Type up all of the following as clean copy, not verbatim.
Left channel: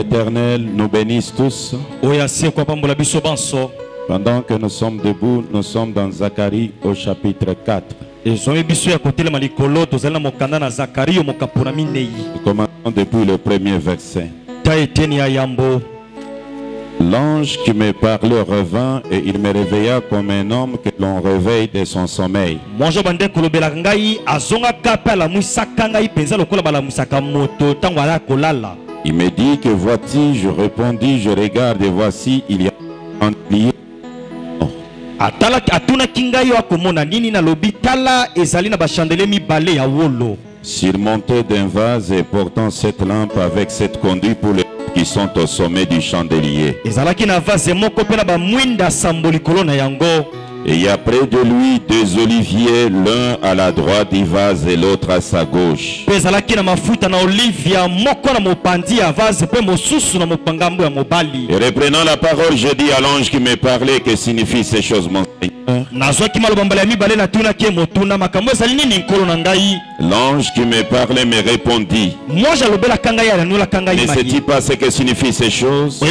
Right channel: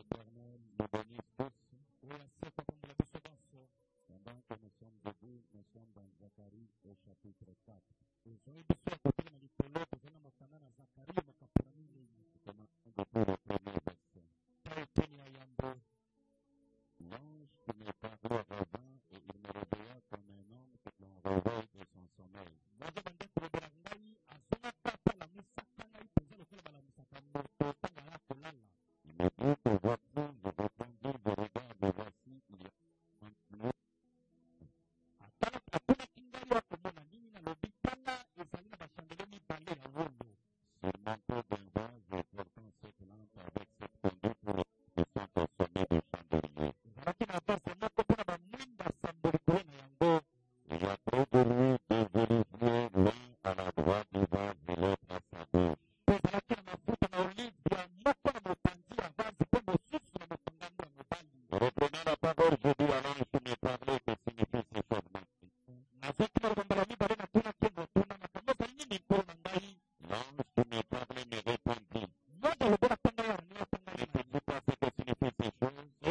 l'Éternel nous bénisse tous. Pendant que nous sommes debout, nous sommes dans Zacharie au chapitre 4. Nous commençons depuis le premier verset. L'ange qui me parlait revint et il me réveilla comme un homme que l'on réveille de son sommeil. Il me dit que vois-tu, je répondis, je regarde et voici, il y a un lié. Surmonté d'un vase et portant cette lampe avec cette conduite pour les qui sont au sommet du chandelier. Et il y a près de lui deux oliviers, l'un à la droite du vase et l'autre à sa gauche. Et reprenant la parole, je dis à l'ange qui me parlait, que signifient ces choses, mon Seigneur? L'ange qui me parlait me répondit, ne sais-tu pas ce que signifient ces choses?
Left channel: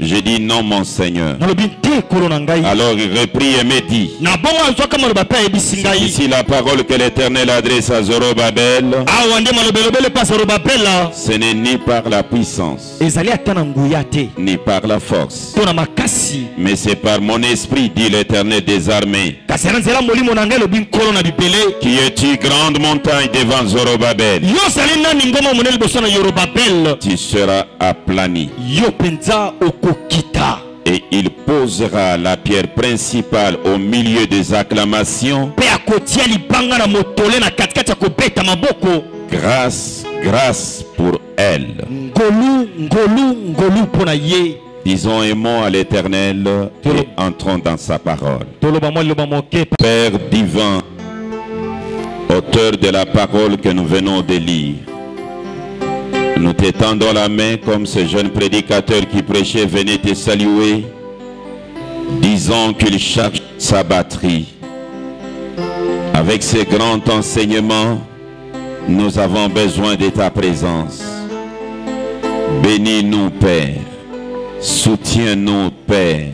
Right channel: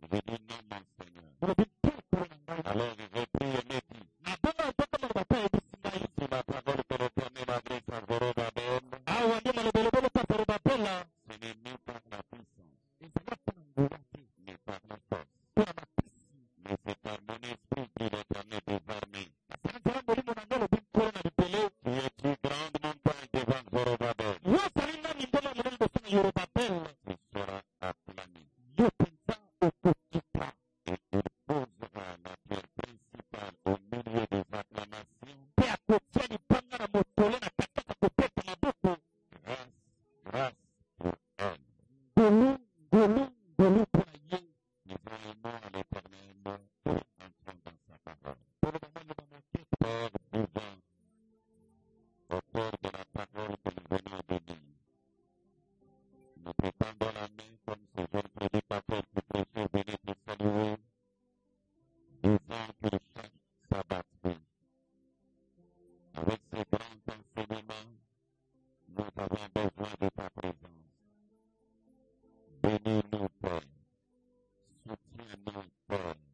Je dis non, mon Seigneur. Alors il reprit et me dit, c'est ici la parole que l'Éternel adresse à Zorobabel. Ce n'est ni par la puissance ni par la force, mais c'est par mon esprit, dit l'Éternel des armées. Qui es-tu, grande montagne devant Zorobabel? Tu seras aplani. Et il posera la pierre principale au milieu des acclamations. Grâce, grâce pour elle. Disons un mot à l'Éternel et entrons dans sa parole. Père divin, auteur de la parole que nous venons de lire, nous t'étendons la main comme ce jeune prédicateur qui prêchait venait te saluer. Disons qu'il charge sa batterie. Avec ces grands enseignements, nous avons besoin de ta présence. Bénis-nous, Père. Soutiens-nous, Père.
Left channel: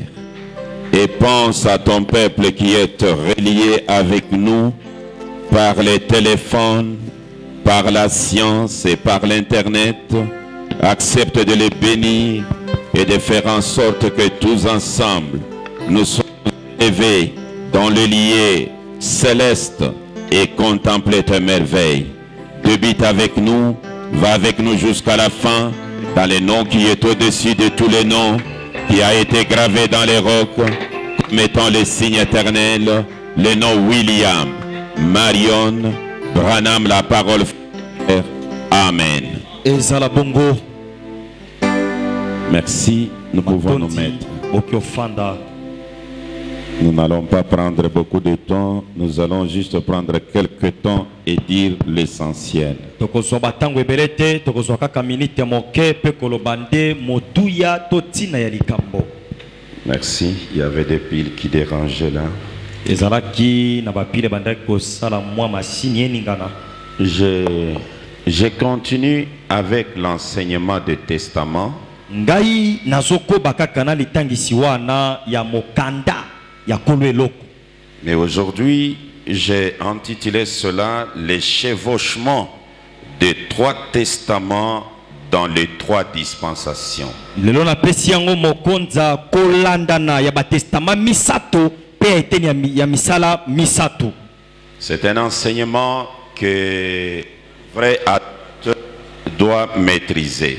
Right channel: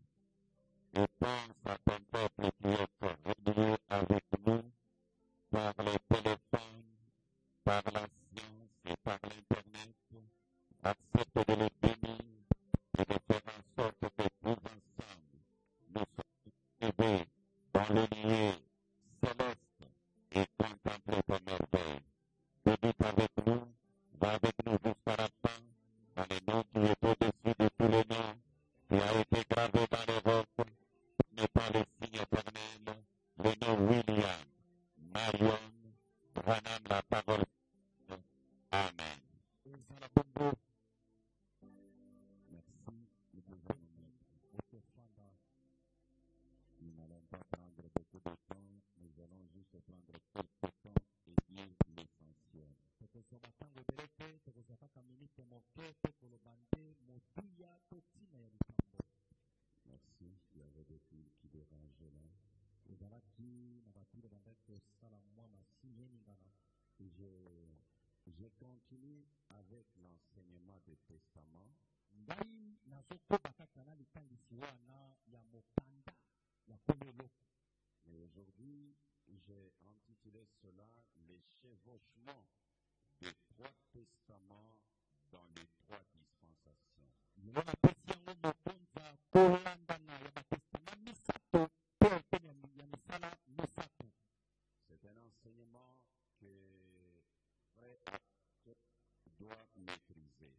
Et pense à ton peuple qui est relié avec nous par les téléphones, par la science et par l'internet. Accepte de les bénir et de faire en sorte que tous ensemble nous soyons élevés dans le lieu céleste et contempler tes merveilles. Débute avec nous, va avec nous jusqu'à la fin, dans le nom qui est au-dessus de tous les noms, qui a été gravé dans les rocs, comme étant le signe éternel, le nom William, Marion, Branham, la parole frère. Amen. Merci, nous pouvons nous mettre. Nous n'allons pas prendre beaucoup de temps, nous allons juste prendre quelques temps et dire l'essentiel. Merci, il y avait des piles qui dérangeaient là. Je continue avec l'enseignement du testament. Mais aujourd'hui, j'ai intitulé cela les chevauchements des trois testaments dans les trois dispensations. C'est un enseignement que vrai adorateur doit maîtriser.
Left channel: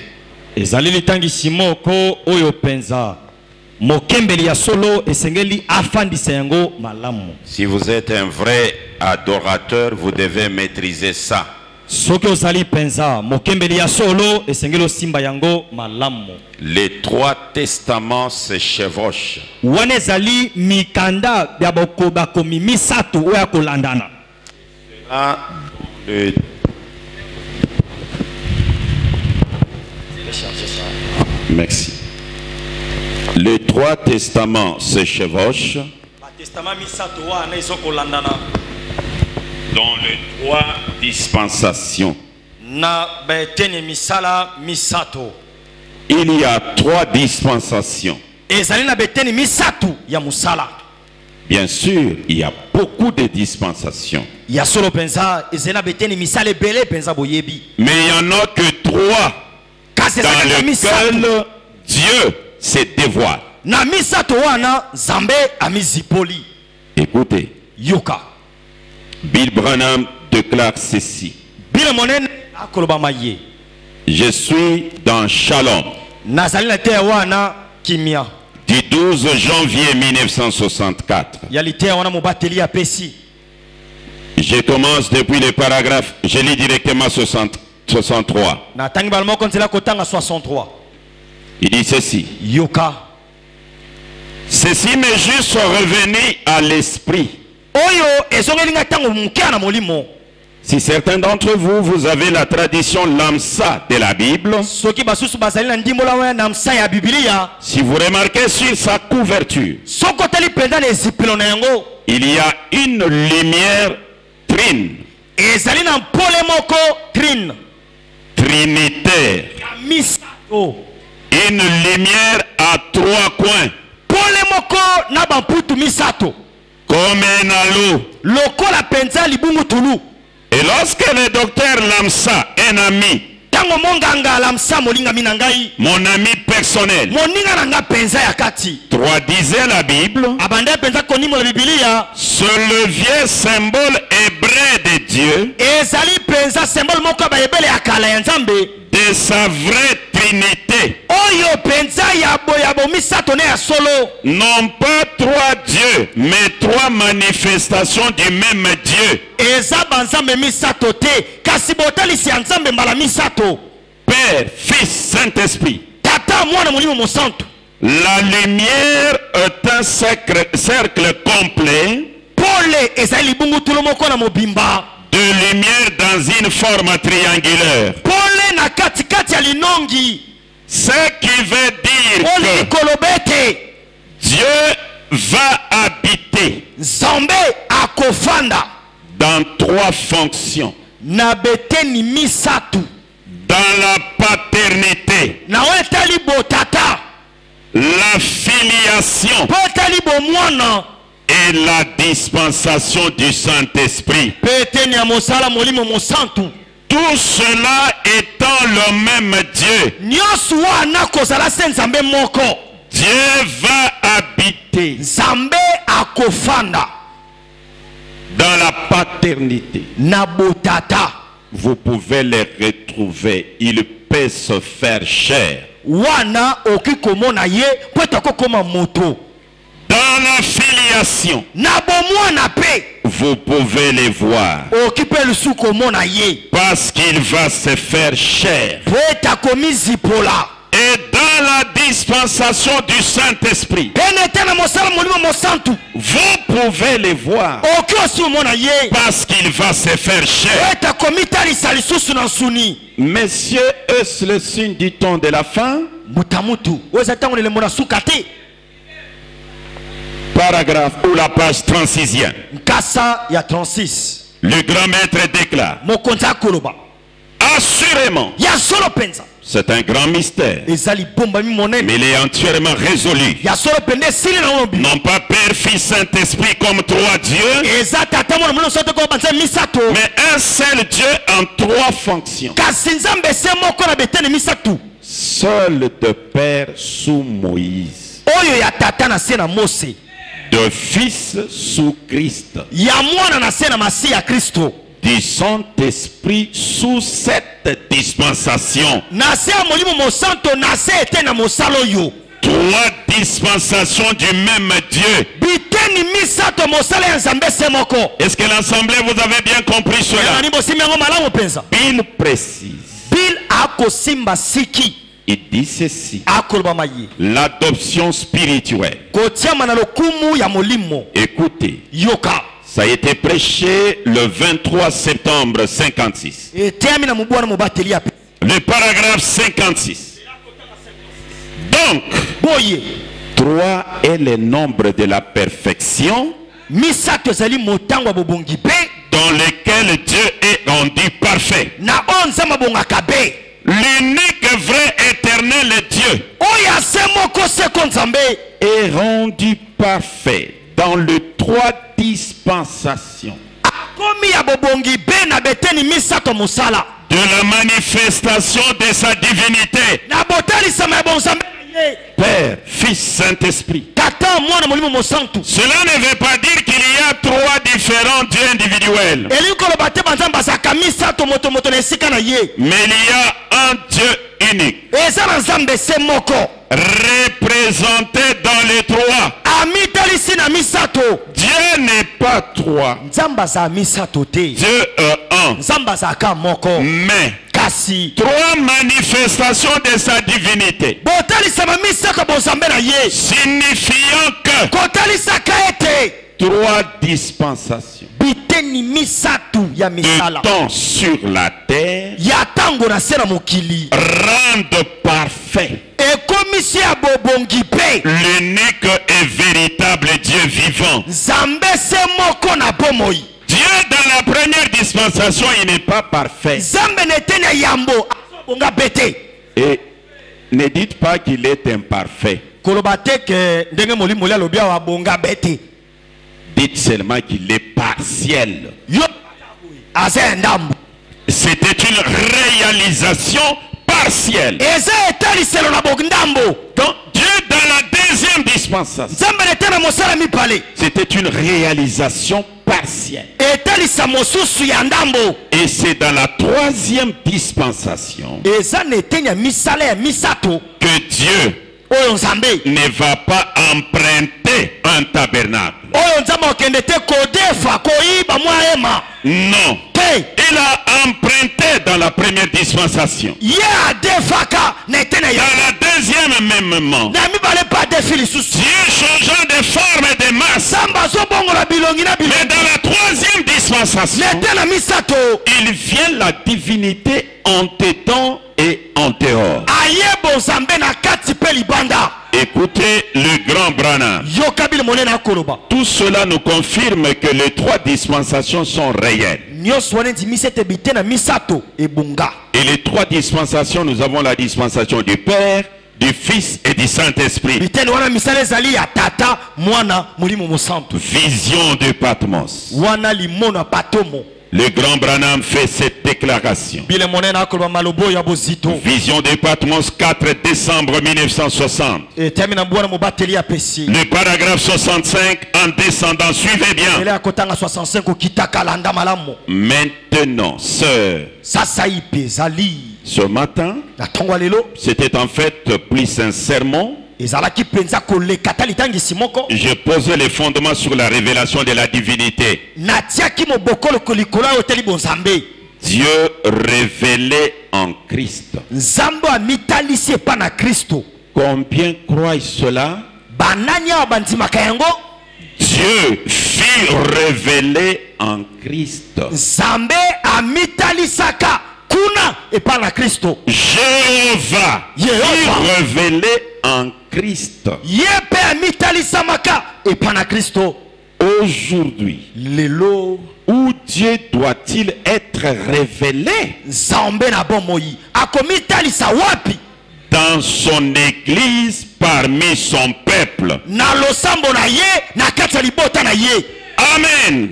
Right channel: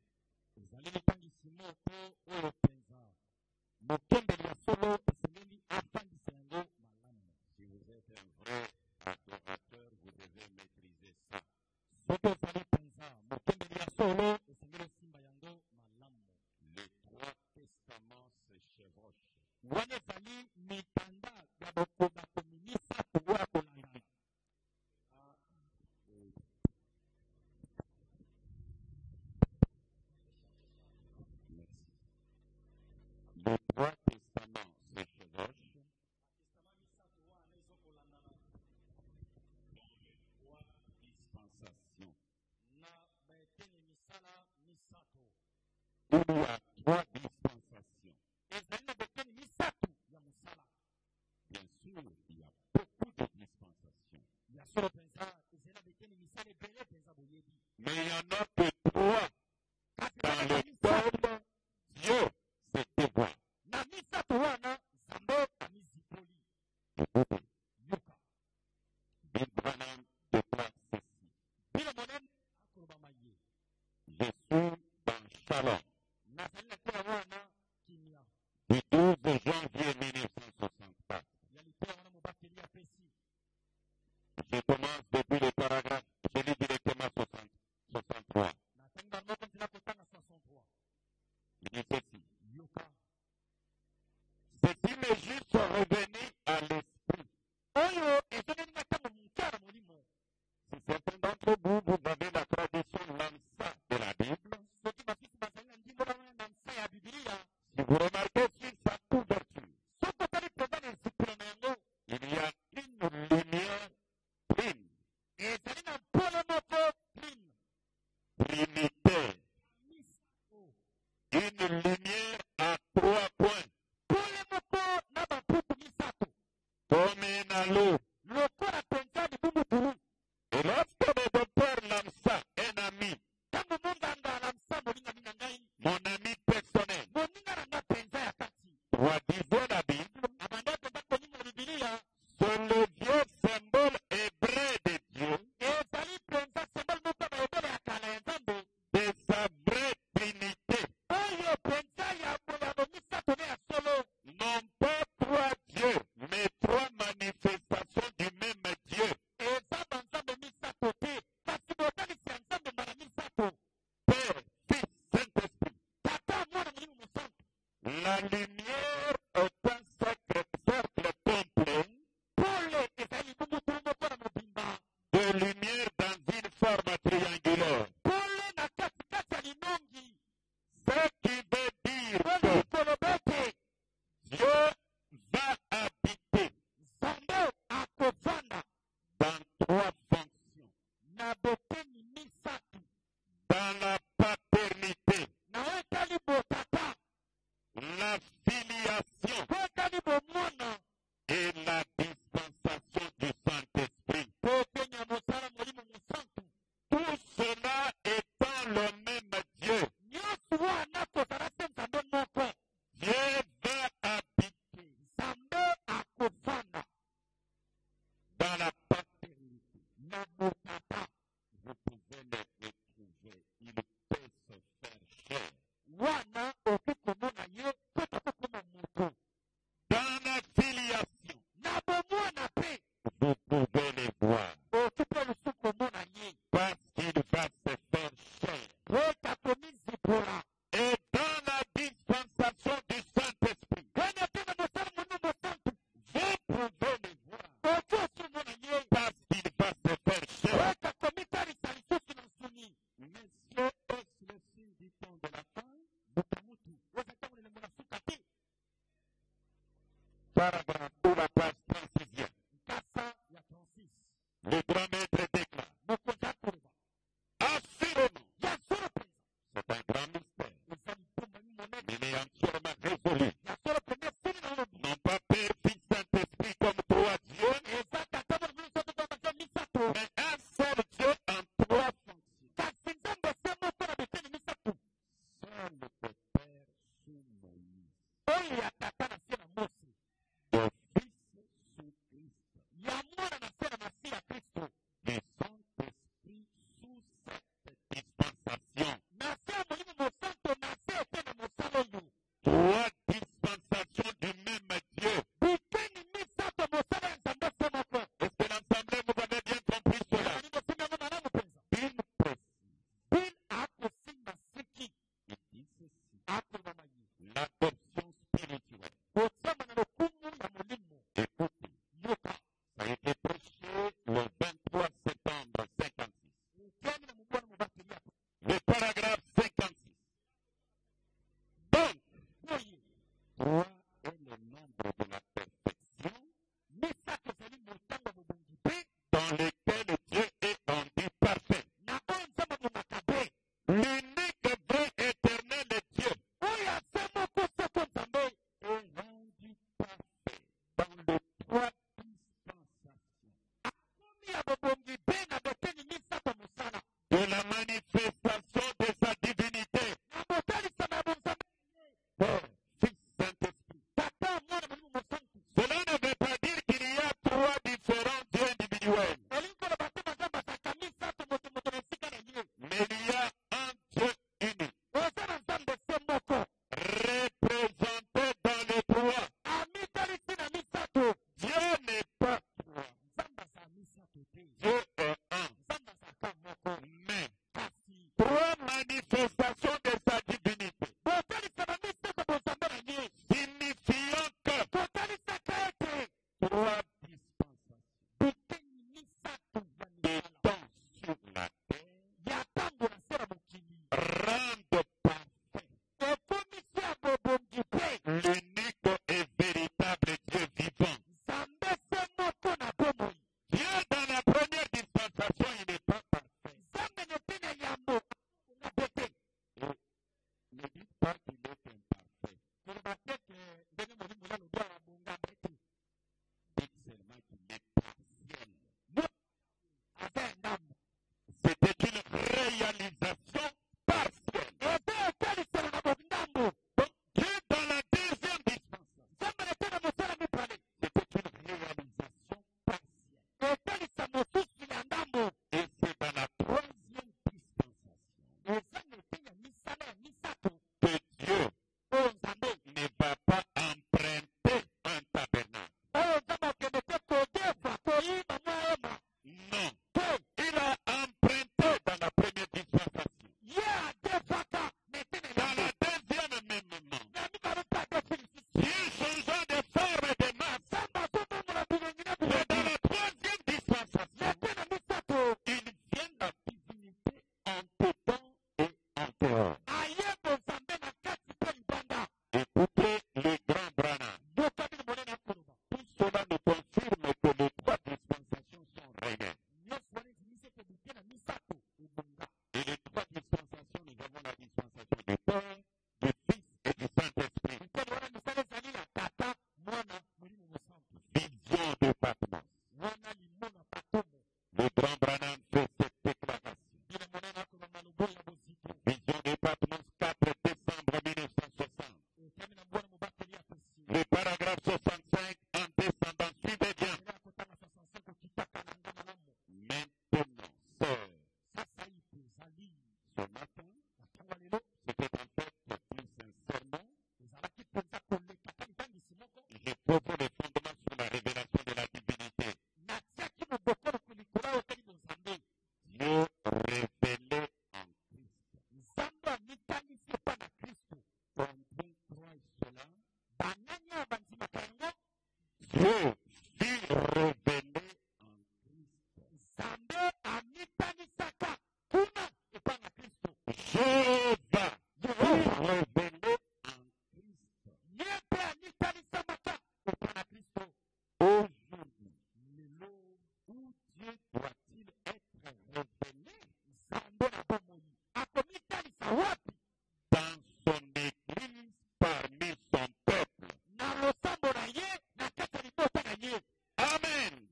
Si vous êtes un vrai adorateur, vous devez maîtriser ça. Les trois testaments se chevauchent. Merci. Les trois testaments se chevauchent dans les trois dispensations. Il y a 3 dispensations. Bien sûr, il y a beaucoup de dispensations. Mais il n'y en a que 3 dans lesquelles Dieu se dévoile. Écoutez, Bill Branham déclare ceci. Je suis dans Shalom du 12 janvier 1964. Je commence depuis le paragraphe, je lis directement 63. Il dit ceci. Ceci m'est juste revenu à l'esprit. Si certains d'entre vous, vous avez la tradition lamsa de la Bible, si vous remarquez sur sa couverture, il y a une lumière trine, trinitaire, une lumière à 3 coins, comme un halo. Et lorsque le docteur Lamsa, un ami, mon ami personnel, traduisait la Bible, ce levier symbole hébreu de Dieu, de sa vraie trinité, non pas 3 dieux, mais 3 manifestations du même Dieu. Père, Fils, Saint-Esprit. La lumière est un cercle complet de lumière dans une forme triangulaire. Ce qui veut dire que Dieu va habiter dans 3 fonctions. Dans la paternité, la filiation et la dispensation du Saint-Esprit. Tout cela étant le même Dieu. Dieu va habiter dans la paternité. Vous pouvez les retrouver. Il peut se faire chair. Dans la filiation, vous pouvez les voir. Parce qu'il va se faire chair. Et dans la dispensation du Saint-Esprit, vous pouvez les voir. Parce qu'il va se faire chair. Messieurs, est-ce le signe du temps de la fin? Paragraphe ou la page 36e. Le grand maître déclare. Assurément, c'est un grand mystère, mais il est entièrement résolu. Non pas Père, Fils, Saint-Esprit comme 3 dieux, mais un seul Dieu en 3 fonctions. Seul de Père sous Moïse, de Fils sous Christ, du Saint-Esprit sous cette dispensation. 3 dispensations du même Dieu. Est-ce que l'Assemblée, vous avez bien compris cela? Bill précise. Il dit ceci. L'adoption spirituelle. Écoutez. Ça a été prêché le 23 septembre 56. Le paragraphe 56. Donc, 3 est le nombre de la perfection dans lequel Dieu est rendu parfait. L'unique vrai éternel Dieu est rendu parfait dans les 3 dispensations de la manifestation de sa divinité. Père, Fils, Saint-Esprit. Cela ne veut pas dire qu'il y a 3 différents dieux individuels. Mais il y a un Dieu unique, représenté dans les 3. Dieu n'est pas 3. Dieu est 1. Mais 3 manifestations de sa divinité, signifiant que 3 dispensations de temps sur la terre rendent parfait l'unique et véritable Dieu vivant. Dieu dans la première dispensation, il n'est pas parfait. Et ne dites pas qu'il est imparfait. Dites seulement qu'il est partiel. C'était une réalisation partielle. Donc Dieu dans la deuxième dispensation, c'était une réalisation partielle. Et c'est dans la 3e dispensation que Dieu ne va pas emprunter un tabernacle. Non. Il a emprunté dans la première dispensation. Dans la deuxième même. Dieu changeant de forme et de masse. Mais dans la 3e dispensation, il vient la divinité en dedans et en dehors. Écoutez le grand Branham. Tout cela nous confirme que les 3 dispensations sont réelles. Et les 3 dispensations, nous avons la dispensation du Père, du Fils et du Saint-Esprit. Vision de Patmos. Le grand Branham fait cette déclaration. Vision de Patmos, 4 décembre 1960. Le paragraphe 65 en descendant, suivez bien. Maintenant, sœur, ce matin, c'était en fait plus un sermon. Je posais les fondements sur la révélation de la divinité. Dieu révélé en Christ. Combien croient cela? Dieu fut révélé en Christ. Jéhovah fut révélé en Christ. Aujourd'hui, où Dieu doit-il être révélé? Dans son église, parmi son peuple. Amen.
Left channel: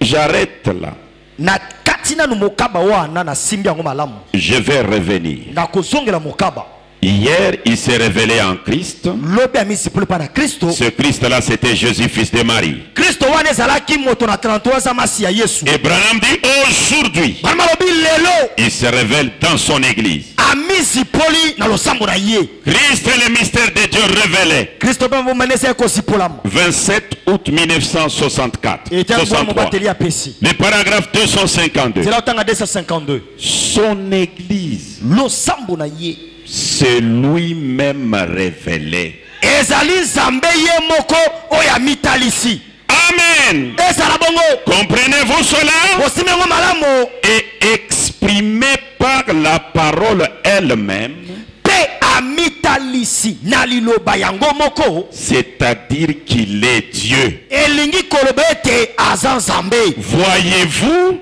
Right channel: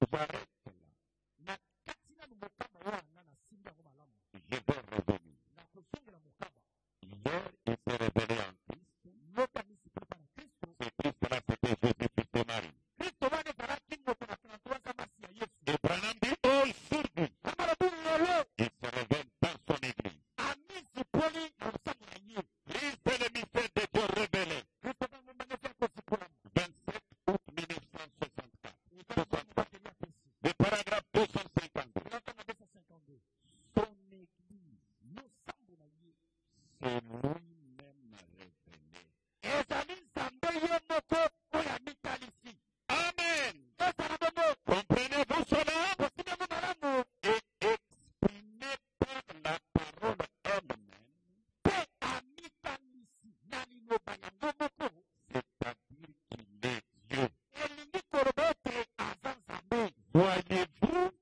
J'arrête là. Je vais revenir. Hier, il s'est révélé en Christ. Ce Christ-là, c'était Jésus, fils de Marie. Et Branham dit aujourd'hui, il se révèle dans son église. Christ est le mystère de Dieu révélé. 27 août 1964. 63. Le paragraphe 252. Son église, c'est lui-même révélé. Amen. Comprenez-vous cela? Et exprimé par la parole elle-même. C'est-à-dire qu'il est Dieu. Voyez-vous?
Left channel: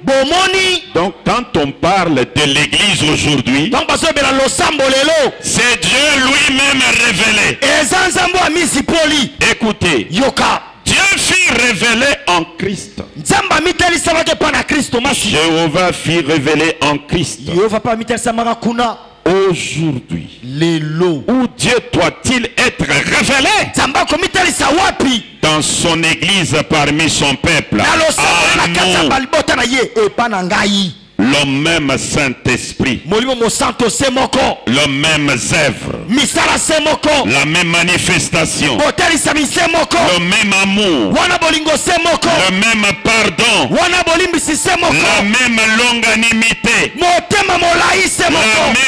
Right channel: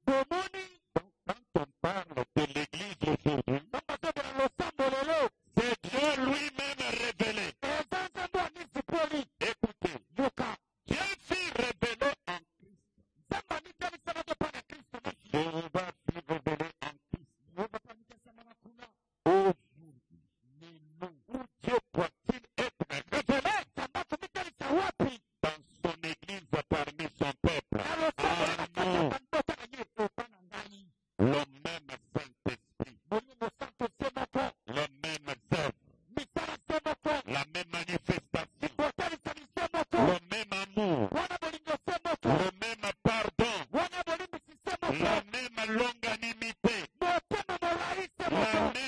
Donc quand on parle de l'église aujourd'hui, c'est Dieu lui-même révélé. Écoutez, Dieu fit révéler en Christ. Jéhovah fit révéler en Christ. Aujourd'hui, où Dieu doit-il être révélé? Dans son église parmi son peuple. Le même Saint-Esprit, le même œuvre, la même manifestation, le même amour, le même pardon, la même longanimité, la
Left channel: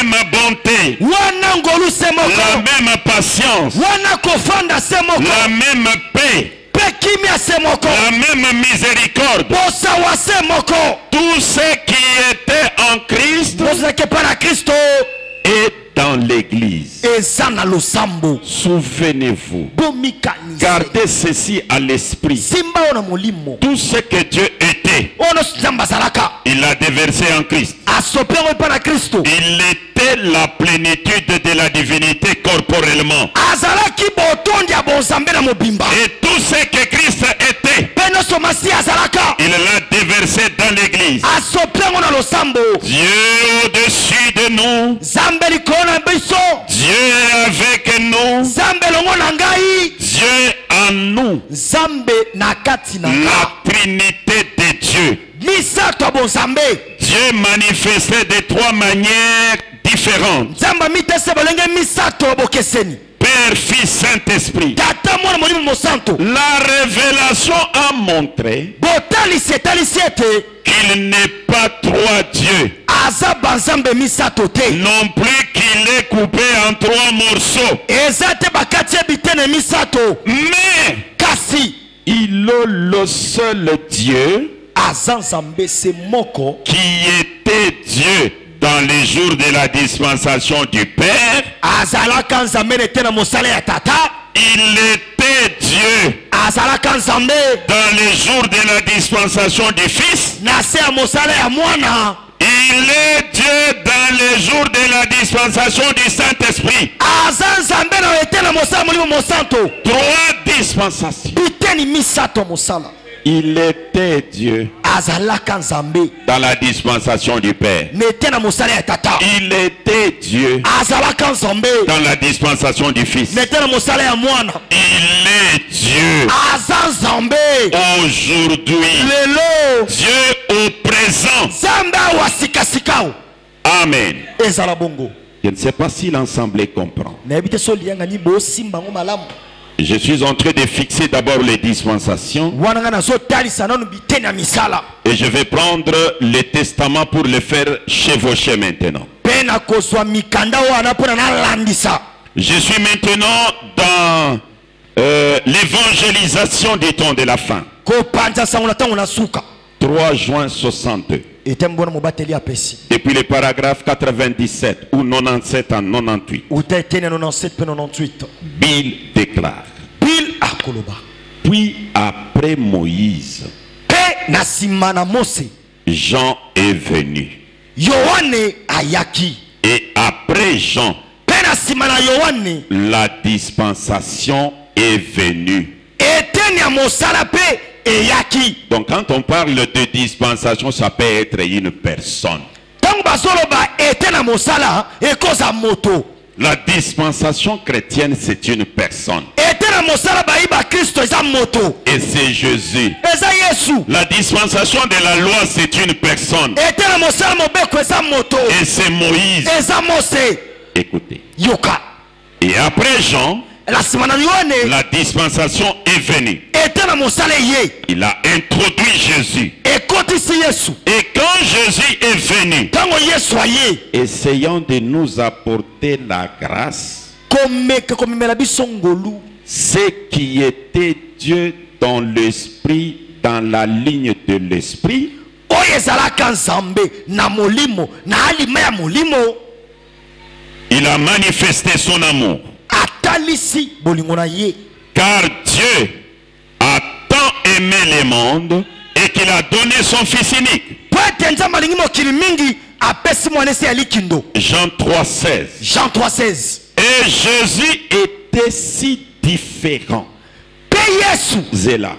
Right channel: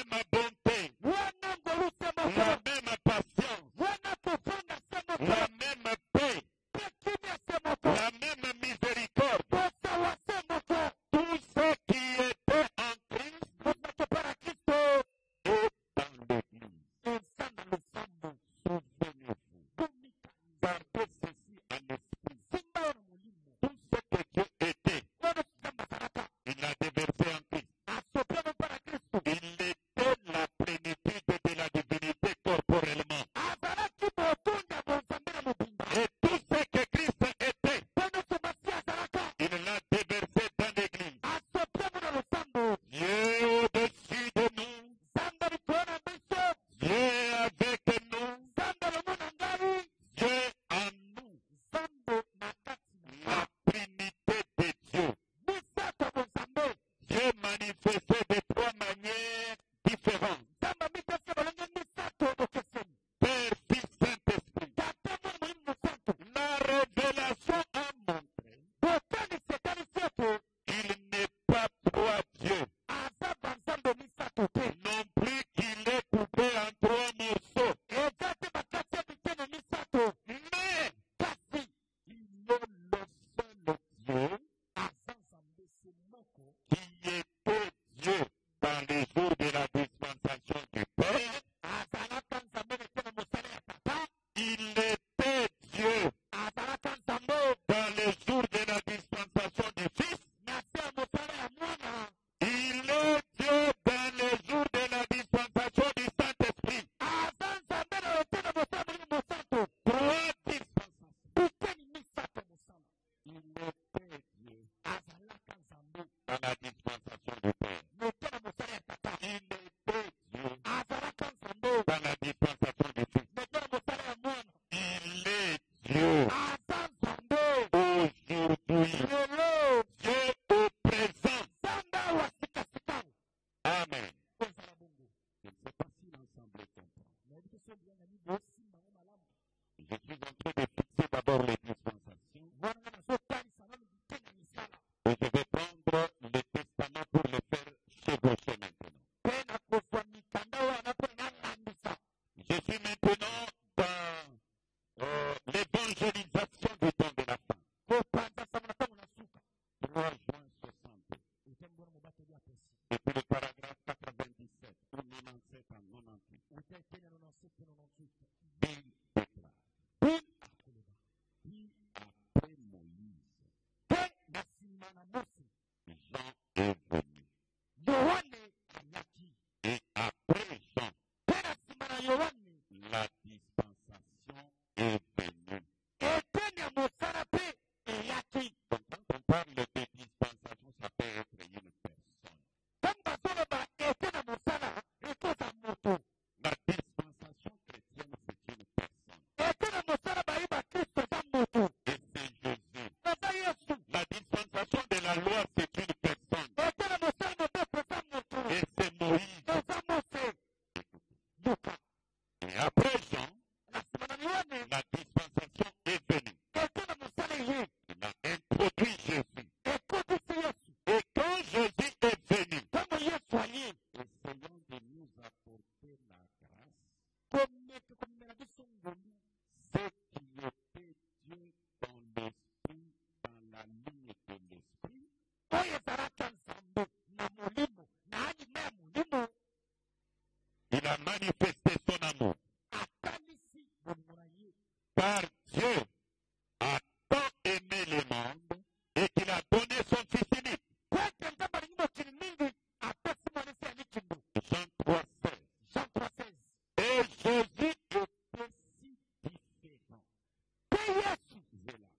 même bonté, la même patience, la même paix, la même miséricorde. Tout ce qui était en Christ est dans l'église. Souvenez-vous, gardez ceci à l'esprit. Tout ce que Dieu était, il l'a déversé en Christ. Il était la plénitude de la divinité corporellement. Et tout ce que Christ était, il l'a déversé dans l'église. Dieu au-dessus de nous, Dieu est avec nous, Dieu en nous, la Trinité de Dieu. Dieu manifesté de trois manières différentes. Père, Fils, Saint-Esprit. La révélation a montré qu'il n'est pas trois dieux. Non plus qu'il est coupé en trois morceaux. Mais il est le seul Dieu qui était Dieu dans les jours de la dispensation du Père. Il était Dieu dans les jours de la dispensation du Fils. Il est Dieu dans les jours de la dispensation du Saint-Esprit. Trois dispensations. Il était Dieu dans la dispensation du Père. Il était Dieu dans la dispensation du Fils. Il est Dieu aujourd'hui. Dieu au présent. Amen. Je ne sais pas si l'ensemble comprend. Je suis en train de fixer d'abord les dispensations. Et je vais prendre le testament pour le faire chevaucher maintenant. Je suis maintenant dans l'évangélisation des temps de la fin. 3 juin 62. Depuis le paragraphe 97 ou 97 en 98. Bill déclare. Puis après Moïse, Jean est venu. Et après Jean, la dispensation est venue. Donc quand on parle de dispensation, ça peut être une personne. La dispensation chrétienne, c'est une personne. Et c'est Jésus. La dispensation de la loi, c'est une personne. Et c'est Moïse. Écoutez. Et après Jean, la dispensation est venue. Il a introduit Jésus. Et quand Jésus est venu, essayant de nous apporter la grâce, ce qui était Dieu dans l'esprit, dans la ligne de l'esprit, il a manifesté son amour. Car Dieu a tant aimé le monde et qu'il a donné son Fils unique. Jean 3,16. Jean 3,16. Et Jésus était si différent. Zéla.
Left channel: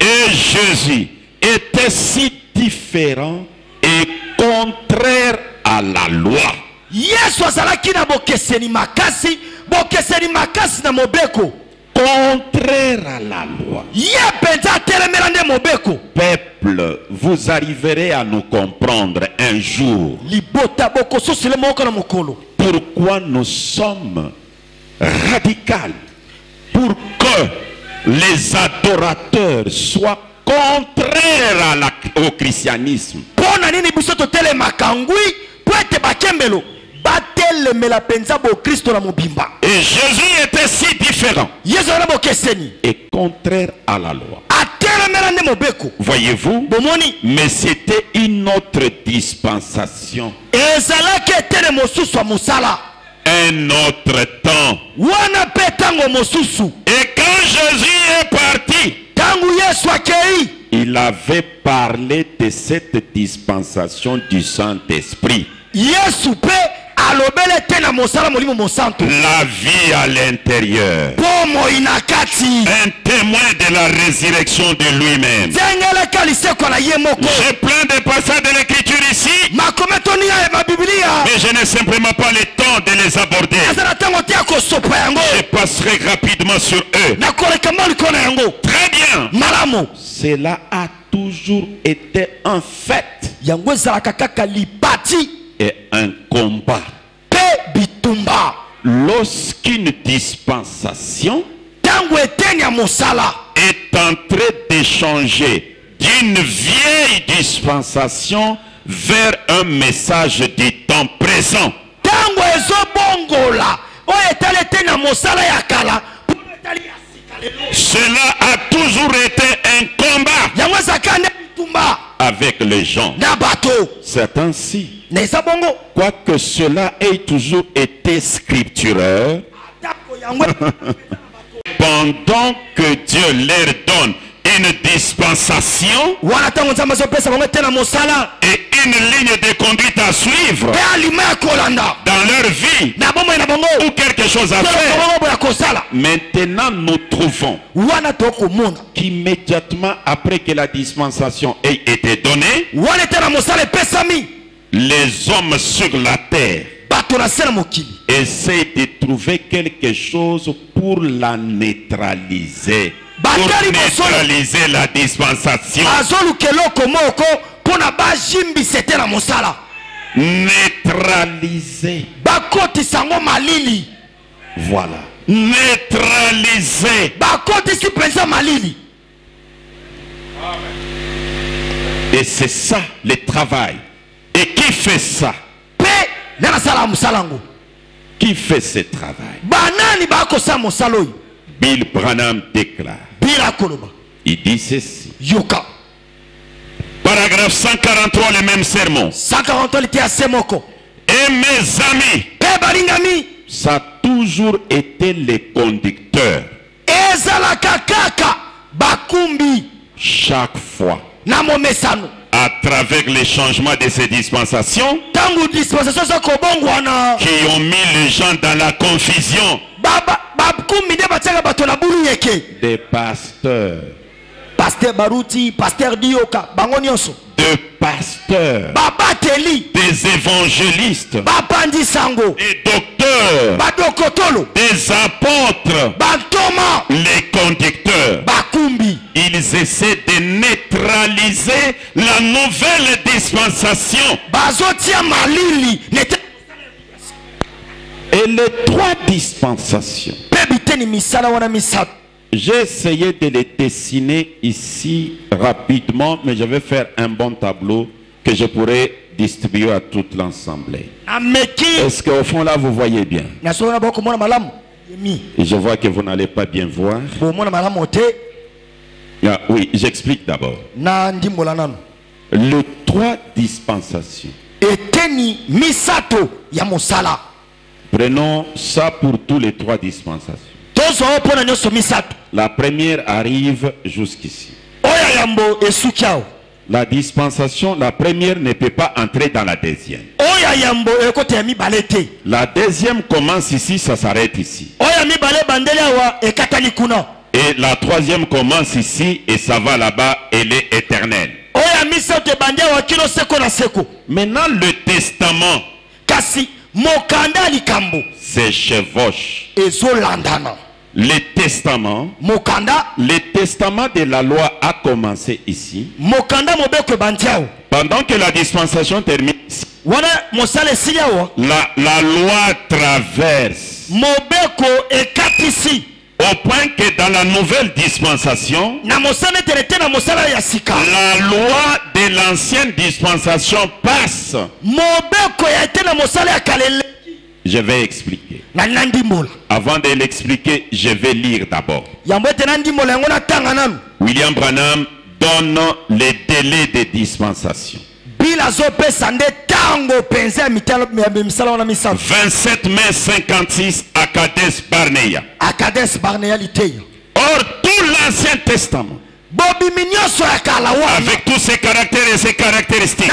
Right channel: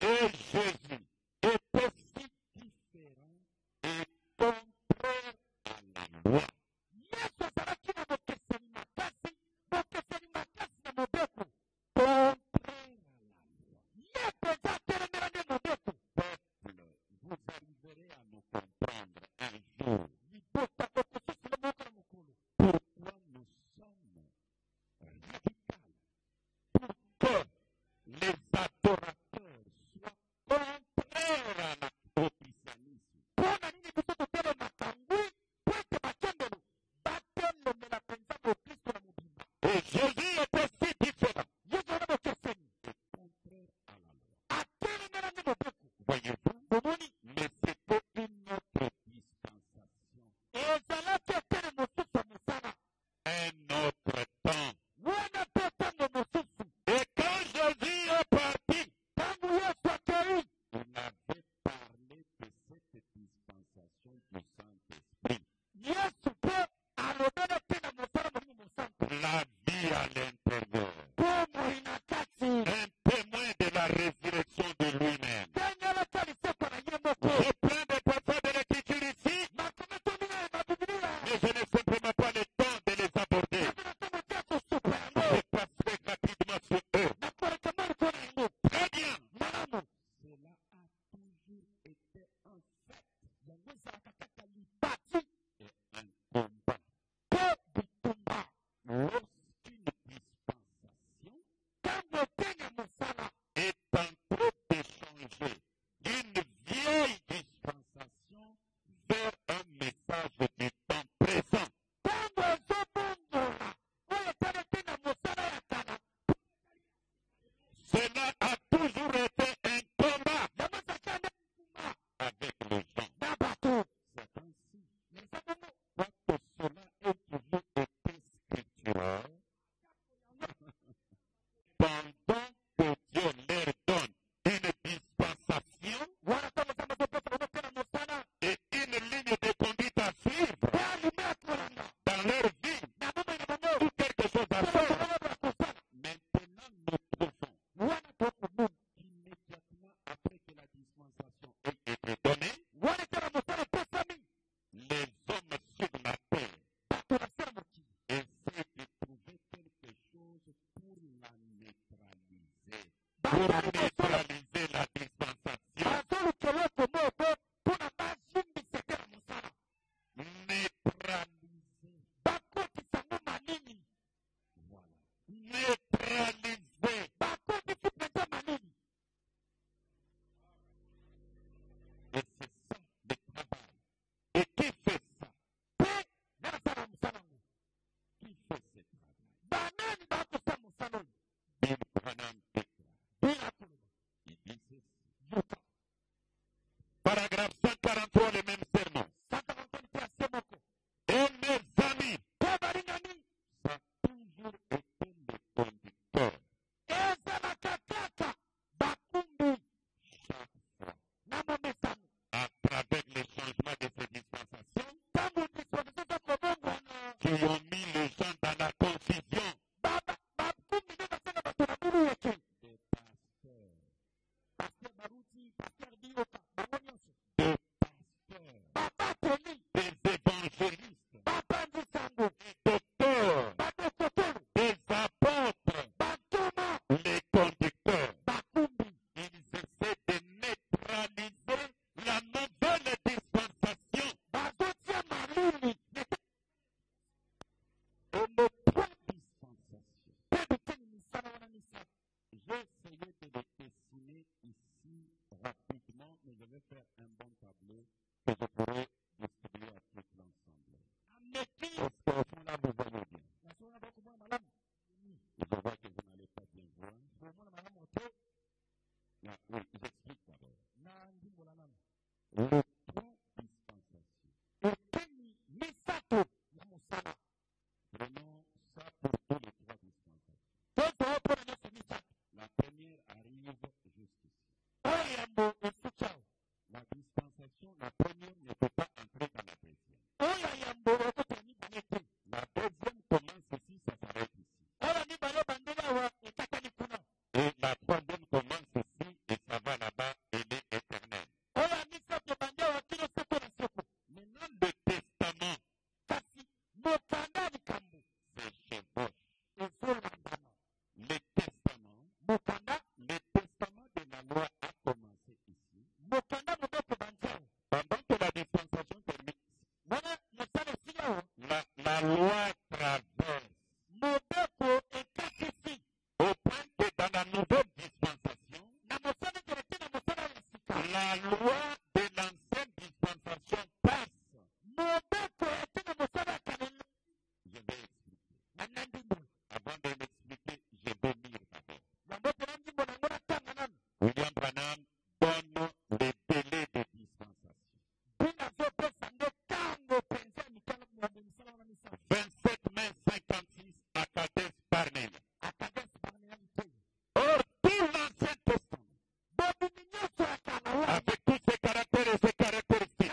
Et Jésus était si différent et contraire à la loi. Contraire à la loi. Peuple, vous arriverez à nous comprendre un jour pourquoi nous sommes radicaux, pour que les adorateurs soient contraires au christianisme. Et Jésus était si différent et contraire à la loi. Voyez-vous? Mais c'était une autre dispensation. Un autre temps. Et quand Jésus est parti, il avait parlé de cette dispensation du Saint-Esprit. La vie à l'intérieur. Un témoin de la résurrection de lui-même. J'ai plein de passages de l'écriture ici, mais je n'ai simplement pas le temps de les aborder. Je passerai rapidement sur eux. Très bien. Cela a toujours été un fait et un combat. Lorsqu'une dispensation est en train de changer d'une vieille dispensation vers un message du temps présent, cela a toujours été un combat avec les gens. Certains si. Quoique cela ait toujours été scripturaire, pendant que Dieu leur donne une dispensation et une ligne de conduite à suivre dans leur vie ou quelque chose à faire, maintenant nous trouvons qu'immédiatement après que la dispensation ait été donnée, les hommes sur la terre essaient de trouver quelque chose pour la neutraliser. Pour neutraliser la dispensation. Neutraliser. Voilà. Neutraliser. Et c'est ça le travail. Et qui fait ça? Qui fait ce travail? Bill Branham déclare. Il dit ceci. Paragraphe 143, le même sermon. Et mes amis, ça a toujours été les conducteurs. Chaque fois, à travers les changements de ces dispensations, qui ont mis les gens dans la confusion, des pasteurs, Pasteur Baruti, Pasteur Dioka, de pasteurs, des évangélistes, des docteurs, des apôtres, les conducteurs. Ils essaient de neutraliser la nouvelle dispensation. Et les trois dispensations, j'ai essayé de les dessiner ici rapidement, mais je vais faire un bon tableau que je pourrais distribuer à toute l'assemblée. Est-ce qu'au fond là vous voyez bien? Et je vois que vous n'allez pas bien voir. Ah, oui, j'explique d'abord. Les trois dispensations. Prenons ça pour tous les trois dispensations. La première arrive jusqu'ici. La dispensation, la première ne peut pas entrer dans la deuxième. oya yambo ekota ya mibale te. La deuxième commence ici, ça s'arrête ici. Oya mibale bandeli awa ekatani kuna. Et la troisième commence ici et ça va là-bas, elle est éternelle. Oya misato bandeli awa kilo seko na seko. Maintenant, le testament Kasi mokanda likambo se chevauche. ezolandana. Le testament de la loi a commencé ici. Mokanda mobeko bandiao. Pendant que la dispensation termine, Wana mosale siliawa. la loi traverse. Mobeko ekatisi. Au point que dans la nouvelle dispensation, Na mosale terete na mosala ya sika. la loi de l'ancienne dispensation passe. Mobeko ya ete na mosala ya kalele. Je vais expliquer. Na nandi mola. Avant de l'expliquer, je vais lire d'abord. Yambo ete nandi mola yango na tanga nanu. William Branham donne les délais de dispensation. Bila zopesa nde tango penza ya misala wana misato. 27 mai 56 à Kadesh Barnea. A Kadesh Barnea liteya. Or, tout l'Ancien Testament, Bobi minyoso ya kala wana. avec tous ses caractères et ses caractéristiques,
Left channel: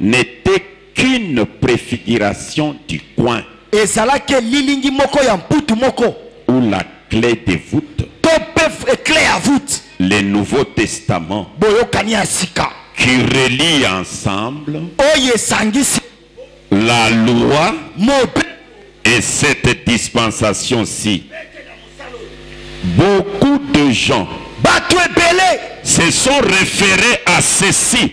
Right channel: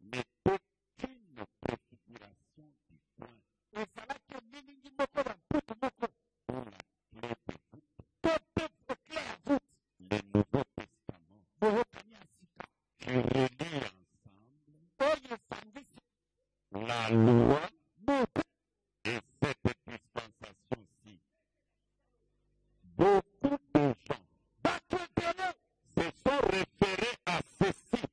n'était qu'une préfiguration du coin ezalaki lilingi moko ya mputu moko. où la clé de voûte, To pe clé ya voûte. le Nouveau Testament, Boyokani ya sika. qui relie ensemble Oye sangisi. la loi Mobe. et cette dispensation-ci. Beaucoup de gens Batu ebele. se sont référés à ceci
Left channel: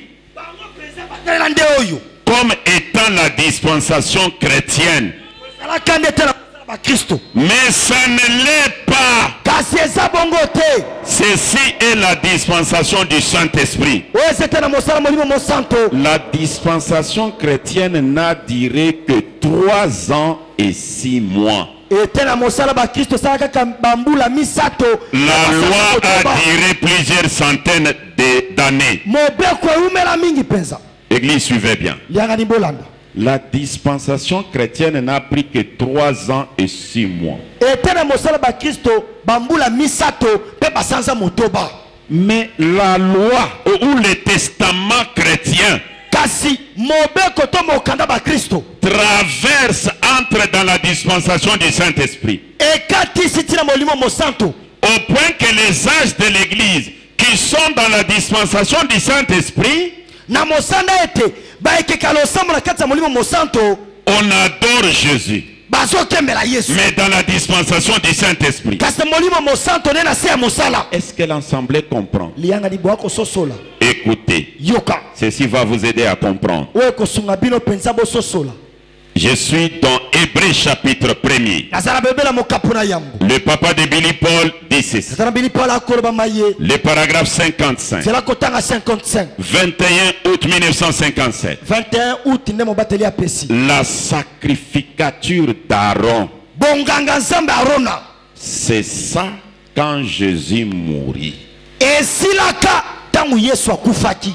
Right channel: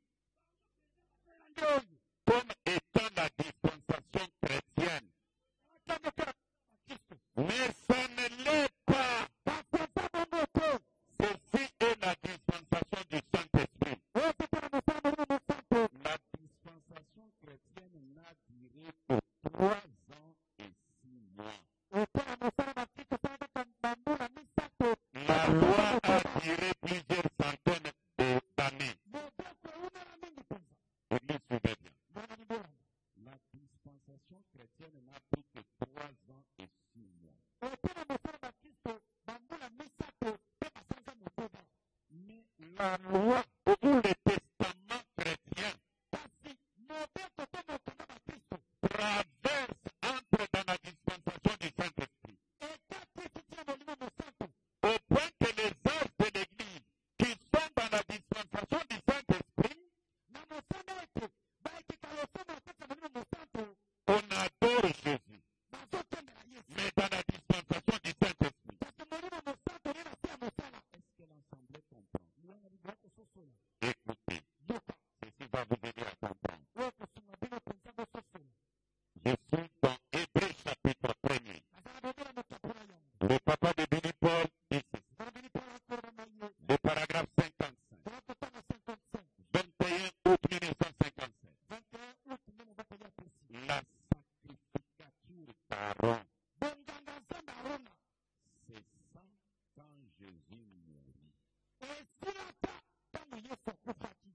Nde oyo. comme étant la dispensation chrétienne. Ezalaka nde te na ba Kristo. Mais ça ne l'est pas. Kasi eza bongo te. Ceci est la dispensation du Saint-Esprit. Oyo ezete na mosala molimo mosanto. La dispensation chrétienne n'a duré que 3 ans et 6 mois. Ete na mosala ba Kristo sala kaka bambula misato. La loi a duré plusieurs centaines d'années. Mobeko eumela mingi penza. L'église suivait bien. Lianga ni bolanda. La dispensation chrétienne n'a pris que 3 ans et 6 mois. Ete na mosala ba Kristo bambula misato pe basanza motoba. Mais la loi ou le testament chrétien Kasi mobeko to mokanda ba Kristo. traverse, entre dans la dispensation du Saint-Esprit. Ekati sitina molimo mosanto. Au point que les âges de l'église qui sont dans la dispensation du Saint-Esprit, Na mosanda ete ba ekekalo sambo na kati ya molimo mosanto. on adore Jésus. Bazo kembela Yesu. Mais dans la dispensation du Saint-Esprit, Kasi molimo mosanto ne na se ya mosala. est-ce que l'Assemblée comprend? Lianga ni boako sosola. Écoutez, Yoka. ceci va vous aider à comprendre. Oye kosunga bino penza bo sosola. Je suis dans Hébreux chapitre 1er. Nazala bebela mokapuna yambo. Le papa de Billy Paul dit ceci. Nazala bili pala koloba maye. Le paragraphe 55. Zela kotanga 55. 21 août 1957. 21 août nde mobateli apesi. La sacrificature d'Aaron. Bonganga nzambe Arona. C'est ça quand Jésus mourit. Esilaka tangu Yesu akufaki.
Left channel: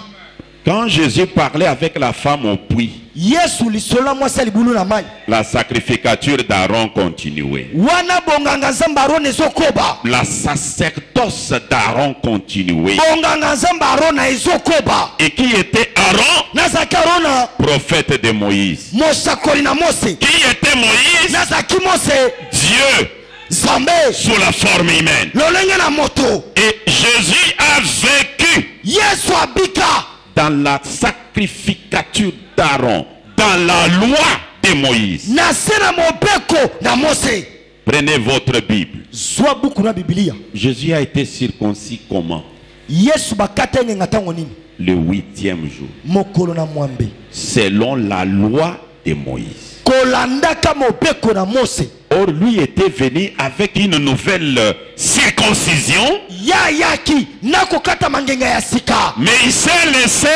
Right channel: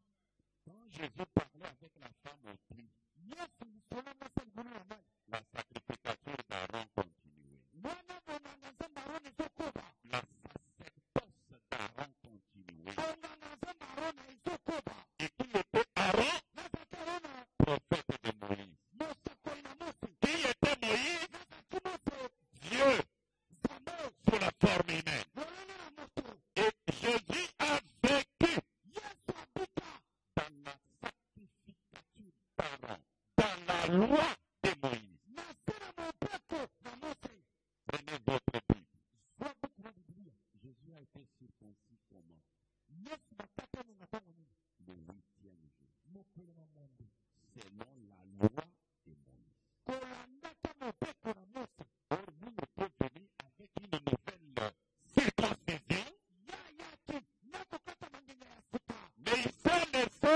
Quand Jésus parlait avec la femme au puits, Yesu lisola mwasa libulu na mai. la sacrificature d'Aaron continuait. Wana bonganga nzambe Arona ezokoba. La sacerdoce d'Aaron continuait. Bonganga nzambe Arona ezokoba. Et qui était Aaron? Nazaki Arona. Prophète de Moïse. Mosakoli na Mose. Qui était Moïse? Nazaki Mose. Dieu Zambe. sous la forme humaine. Lolenge na moto. Et Jésus a vécu Yesu abika. dans la sacrificature d'Aaron, dans la loi de Moïse. Na sena mobeko na Mose. Prenez votre Bible. Zwa buku na Biblia. Jésus a été circoncis comment? Yesu bakata ngenga tango nini? Le 8e jour. Mokolo na mwambe. Selon la loi de Moïse. Kolandaka mobeko na Mose. Or, lui était venu avec une nouvelle circoncision. Ya yaki nakokata mangenga ya sika. Mais il s'est laissé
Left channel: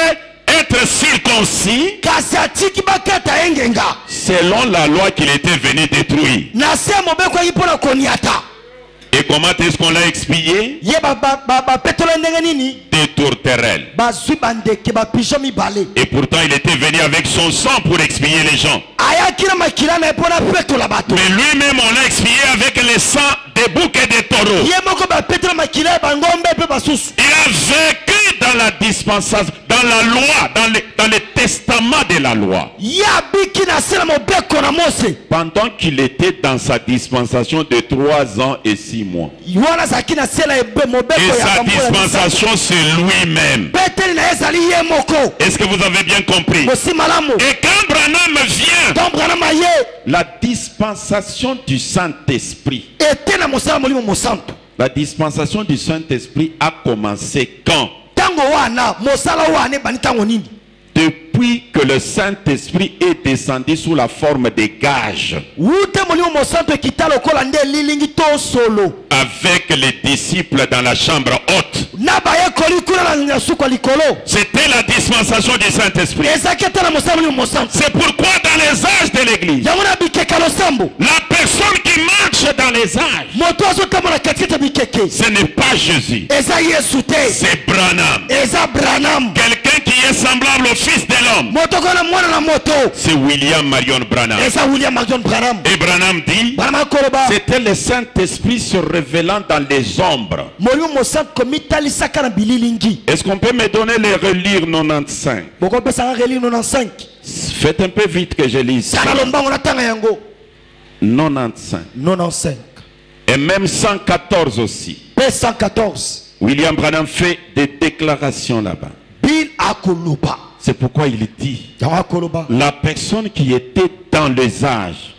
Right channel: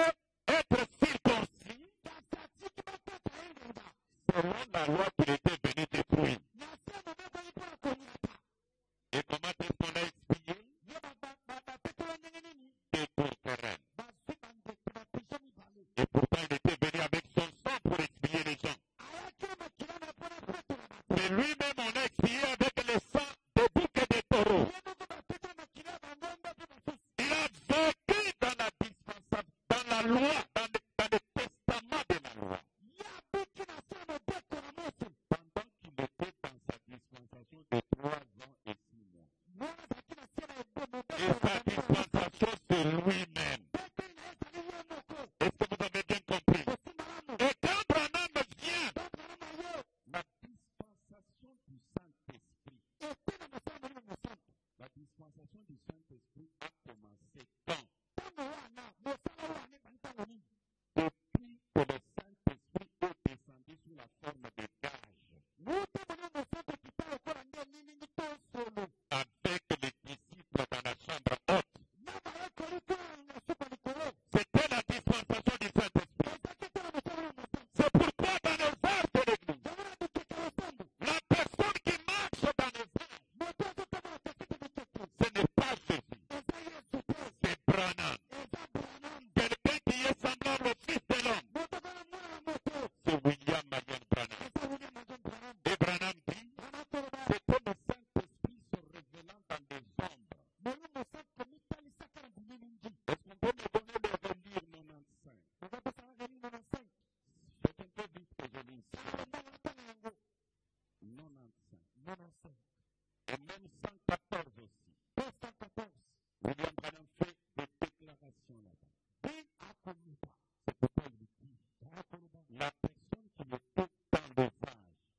être circoncis Kasi atiki bakata engenga. selon la loi qu'il était venu détruire. Na se mobeko yi pona koniata. Et comment est-ce qu'on l'a expillé? Des tourterelles. Et pourtant il était venu avec son sang pour expier les gens. Mais lui-même on l'a expillé avec le sang des boucs et des taureaux. Il a vécu dans la dispensation, dans la loi, dans le testament de la loi. Pendant qu'il était dans sa dispensation de 3 ans et 6 mois. Et sa dispensation c'est lui-même. Est-ce que vous avez bien compris? Et quand Branham vient, la dispensation du Saint-Esprit. La dispensation du Saint-Esprit a commencé quand? Depuis que le Saint-Esprit est descendu sous la forme des gages avec les disciples dans la chambre haute. C'était la dispensation du Saint-Esprit. C'est pourquoi dans les âges de l'Église, la personne qui marche dans les âges, ce n'est pas Jésus, c'est Branham. Quelqu'un qui est semblable au Fils de l'homme, c'est William Marion Branham. Et Branham dit, c'était le Saint-Esprit se révélant dans les ombres. Est-ce qu'on peut me donner les relire 95? Faites un peu vite que je lise. 95. Et même 114 aussi. William Branham fait des déclarations là-bas. C'est pourquoi il dit, la personne qui était dans les âges,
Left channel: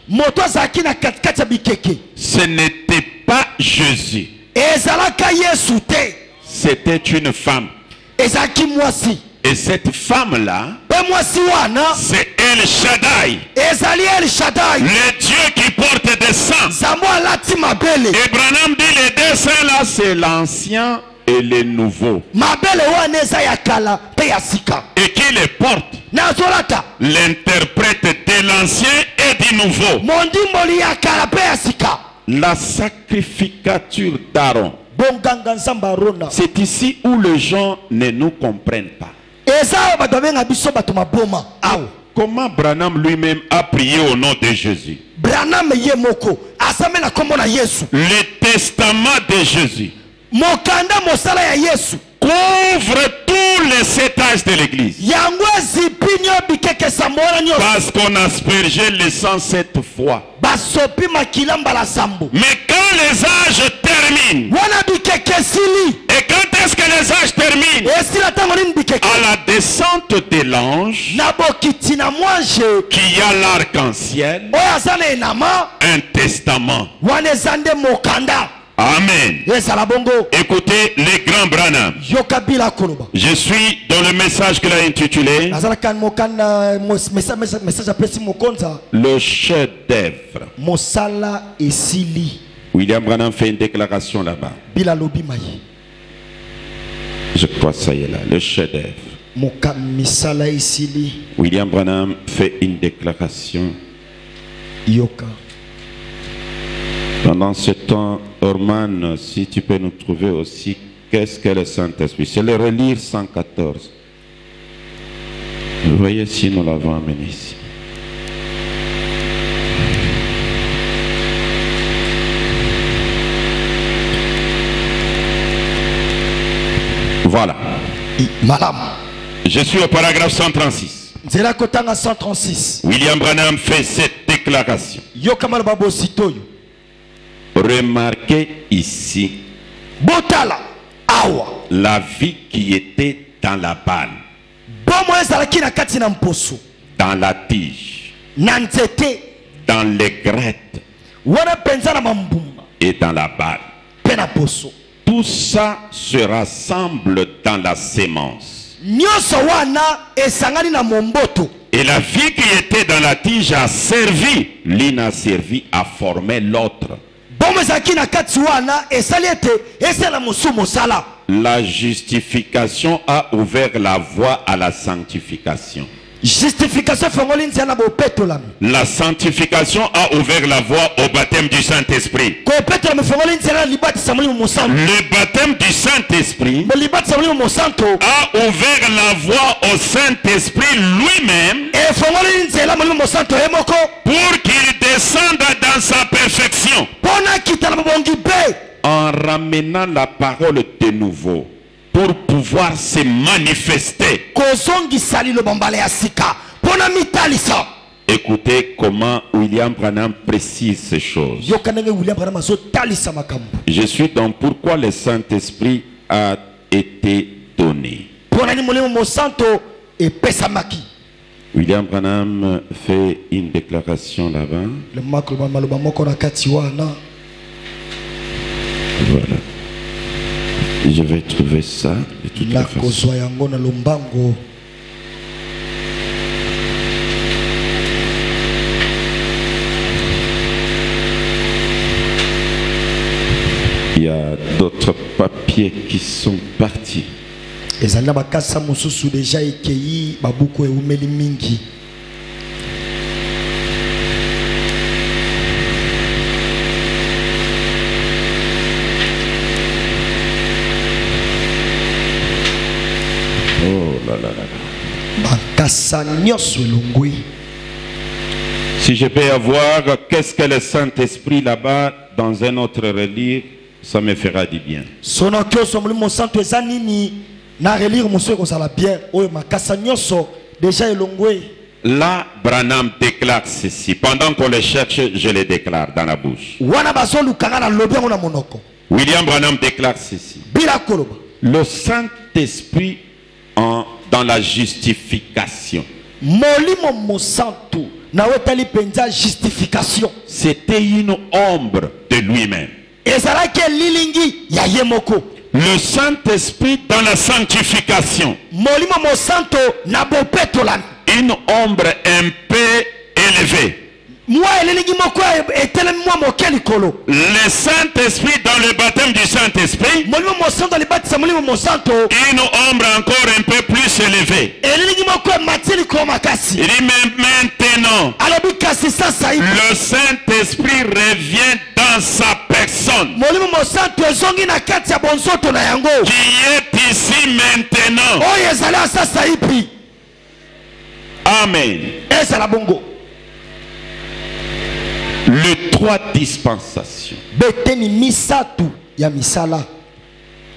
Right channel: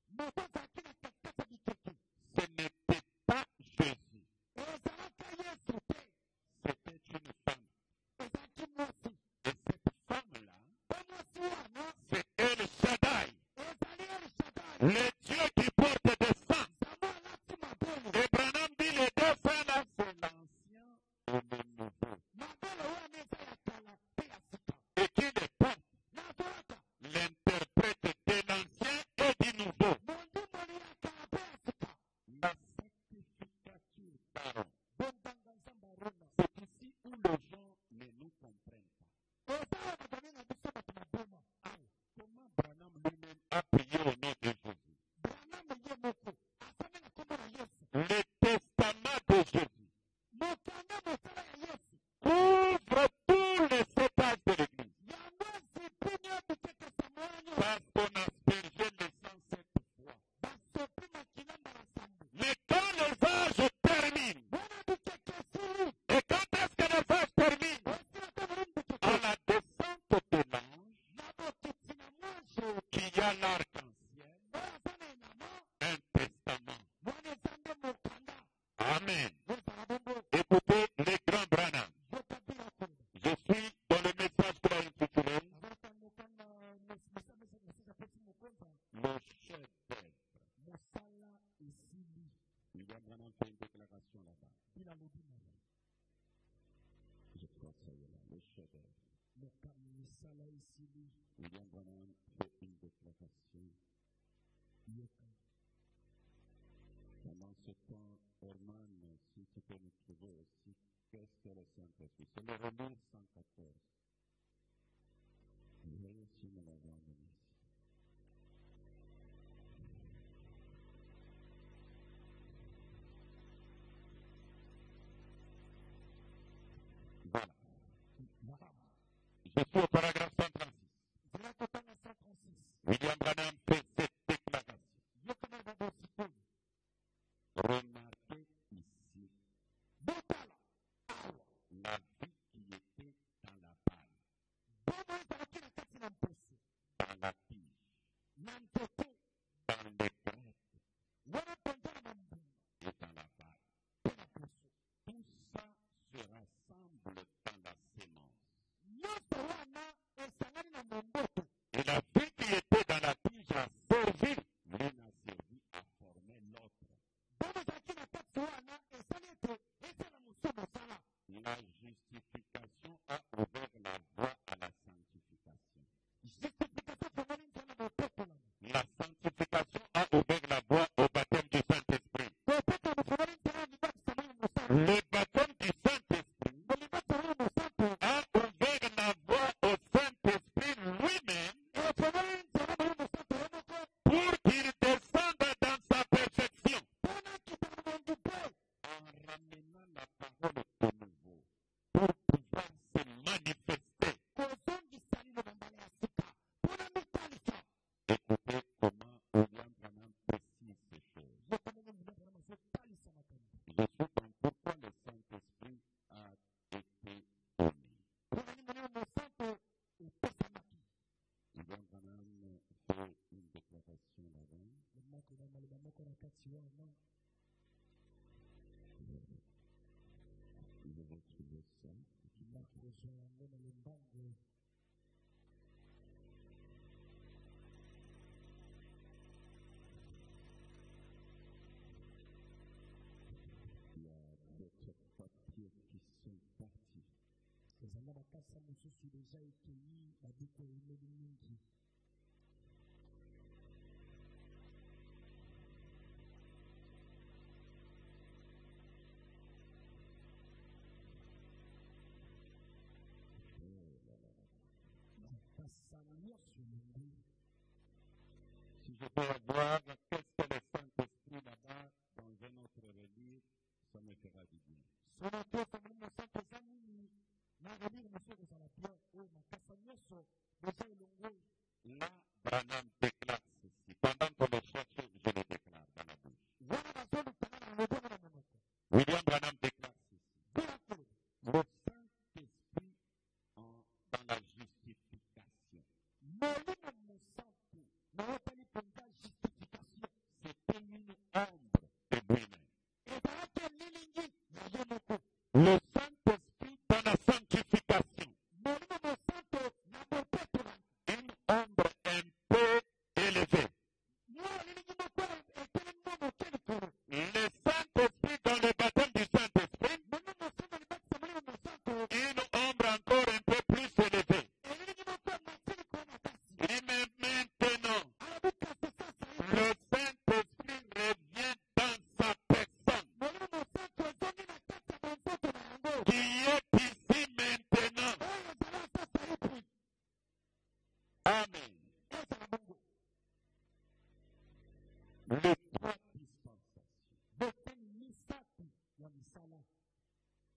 ce n'était pas Jésus. C'était une femme. Et cette femme-là, c'est El Shaddai, le Dieu qui porte des saints. Et Branham dit les deux saints là, c'est l'ancien et le nouveau. Et qui les porte? L'interprète de l'ancien et du nouveau. La sacrificature d'Aaron. C'est ici où les gens ne nous comprennent pas. Comment Branham lui-même a prié au nom de Jésus? Le testament de Jésus couvre tous les 7 âges de l'église. Parce qu'on a aspergé le sang 7 fois. Mais quand les âges terminent, et quand est-ce que les âges terminent? À la descente de l'ange, qui a l'arc-en-ciel, un testament. Amen. Écoutez les grands Branham. Je suis dans le message qu'il a intitulé le chef-d'œuvre. William Branham fait une déclaration là-bas. Je crois que ça y est là, le chef-d'œuvre. William Branham fait une déclaration. Pendant ce temps, Orman, si tu peux nous trouver aussi, qu'est-ce que le Saint-Esprit? C'est le relire 114. Vous voyez si nous l'avons amené ici. Voilà. Je suis au paragraphe 136. William Branham fait cette déclaration. Remarquez ici la vie qui était dans la balle, dans la tige, dans les grettes et dans la balle. Tout ça se rassemble dans la sémence. Et la vie qui était dans la tige a servi, l'une a servi à former l'autre. La justification a ouvert la voie à la sanctification. Justification fongoli nzela bo petolami. La sanctification a ouvert la voie au baptême du Saint-Esprit. Ko petolami fongoli nzela libati samuli mo santo. Le baptême du Saint-Esprit Mo libati samuli mo santo. a ouvert la voie au Saint-Esprit lui-même E fongoli nzela mo santo emoko pour qu'il descende dans sa perfection. pona kitala bongi be. En ramenant la parole de nouveau pour pouvoir se manifester. Kozongi sali lo bambale ya sika pona mitalisa. Écoutez comment William Branham précise ces choses. Yo kanenge William Branham zo talisa makambo. Je suis donc pourquoi le Saint-Esprit a été donné. Pona ni molimo mo santo e pesa maki. William Branham fait une déclaration là-bas. Le maklo maloba moko na kati wana. Voilà. Je vais trouver ça de toute La façon. kozwa yango na lombango. Il y a d'autres papiers qui sont partis. Ezali na bakasa mosusu deja ekei babuku eumeli mingi. Oh là là là là. Bakasa nyonso elongwi. Si je peux avoir qu'est-ce que le Saint-Esprit là-bas dans un autre relire, ça me fera du bien. Sono kyoso molimo santo eza nini na relire mosusu kozala bien oyo makasa nyonso deja elongwe. Là, Branham déclare ceci. Pendant qu'on le cherche, je le déclare dans la bouche. Wana bazolukanga na lobi yango na monoko. William Branham déclare ceci. Bila koloba. Le Saint-Esprit dans la justification. Molimo mosantu na wetali penza justification. C'était une ombre de lui-même. Ezalaki lilingi ya yemoko. Le Saint-Esprit dans la sanctification. Molimo mosanto na bopetolami. Une ombre un peu élevée. Moi elingi moko etelemi mwa mokeli kolo. Le Saint-Esprit dans le baptême du Saint-Esprit. Molimo mosanto libatisa molimo mosanto. Une ombre encore un peu plus élevée. Elingi moko matili ko makasi. Il dit maintenant. Alobi kasi sasa ibi. Le Saint-Esprit revient dans sa personne. Molimo mosanto ezongi na kati ya bonzoto na yango. Qui est ici maintenant. Oyo ezali sasa ibi. Amen. Ezala bongo. Les trois dispensations. Beteni misatu ya misala.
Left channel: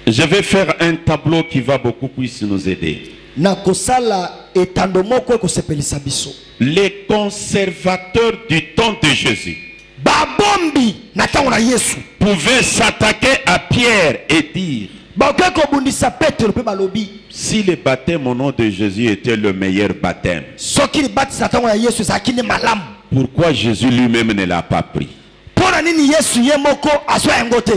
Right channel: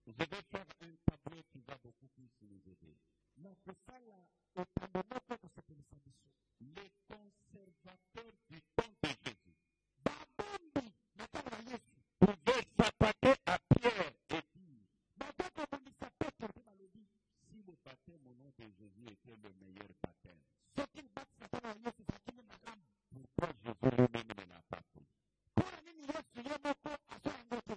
Je vais faire un tableau qui va beaucoup plus nous aider. Na kosala etando moko ekosepelisa biso. Les conservateurs du temps de Jésus Babombi na tango na Yesu pouvaient s'attaquer à Pierre et dire: bakeko bundisa Petro pe balobi si le baptême au nom de Jésus était le meilleur baptême, soki libatisa tango ya Yesu zakini malamu. pourquoi Jésus lui-même ne l'a pas pris? Pona nini Yesu ye moko aswa yango te?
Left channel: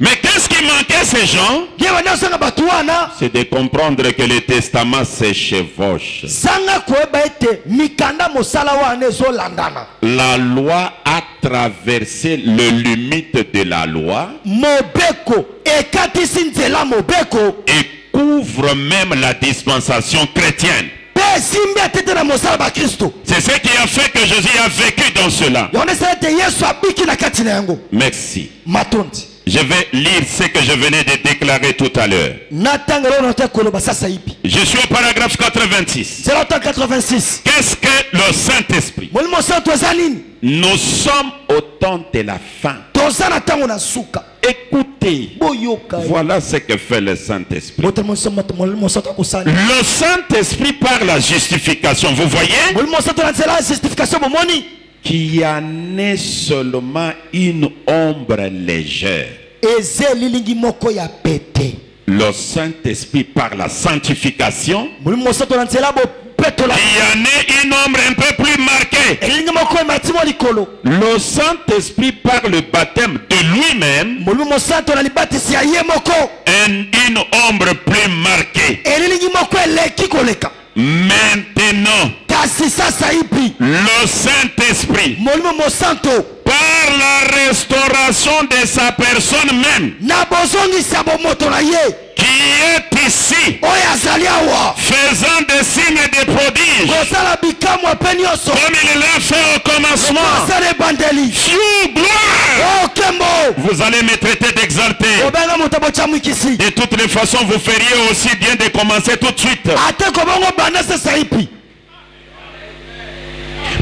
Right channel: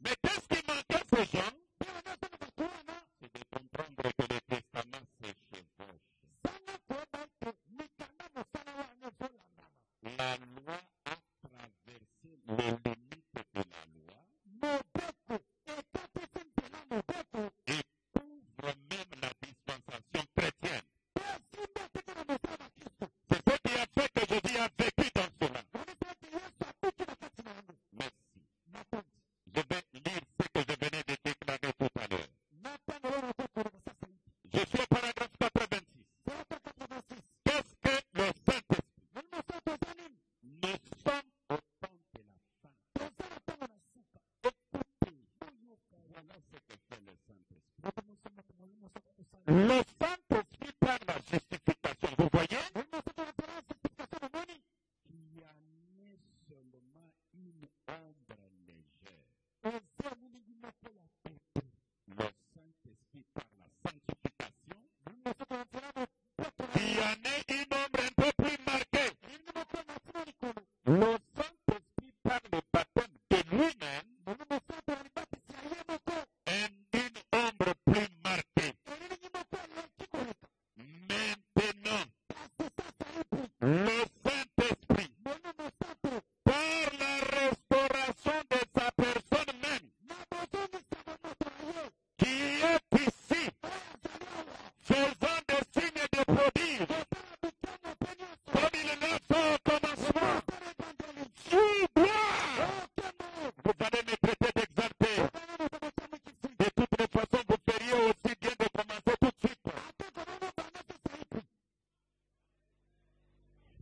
Mais qu'est-ce qui manquait ces gens? Yewana sanga batuana C'est de comprendre que le testament se chevauche. sanga koeba ete mikanda mosala wana ezolandana. La loi a traversé les limites de la loi Mobeko ekatisi nzela mobeko et couvre même la dispensation chrétienne. pe simbi atete na mosala ba Kristo. C'est ce qui a fait que Jésus a vécu dans cela. Yone sala ete Yesu abiki na kati na yango. Merci. Matondi. Je vais lire ce que je venais de déclarer tout à l'heure. Natangelo note koloba sasa ipi. Je suis au paragraphe 86. 086. Qu'est-ce que le Saint-Esprit? Molimo santo ezalini. Nous sommes au temps de la fin. Toza na tango na suka. Écoutez, Boyoka. voilà ce que fait le Saint-Esprit. Molimo santo kusali. Le Saint-Esprit par la justification, vous voyez, Molimo santo na nzela justification bomoni. qui en est seulement une ombre légère. Eze lilingi moko ya pete. Le Saint-Esprit par la sanctification, Molimo santo na nzela bo petola. qui en est une ombre un peu plus marquée. Lilingi moko ya matimo likolo. Le Saint-Esprit par le baptême de lui-même, Molimo santo na libatisi ya ye moko. une ombre plus marquée. Lilingi moko eleki koleka. Maintenant, Kasi sasa ipi. le Saint-Esprit Molimo santo par la restauration de sa personne même, na bozongisa bomoto na ye qui est ici, oyo azali awa faisant des signes et des prodiges, kosala bikamwa mpe nyonso comme il l'a fait au commencement. asala ebandeli Fiou, gloire! okembo Vous allez me traiter d'exalté. obenga moto botyamwikisi De toutes les façons, vous feriez aussi bien de commencer tout de suite. ate kobongo banda sesa ipi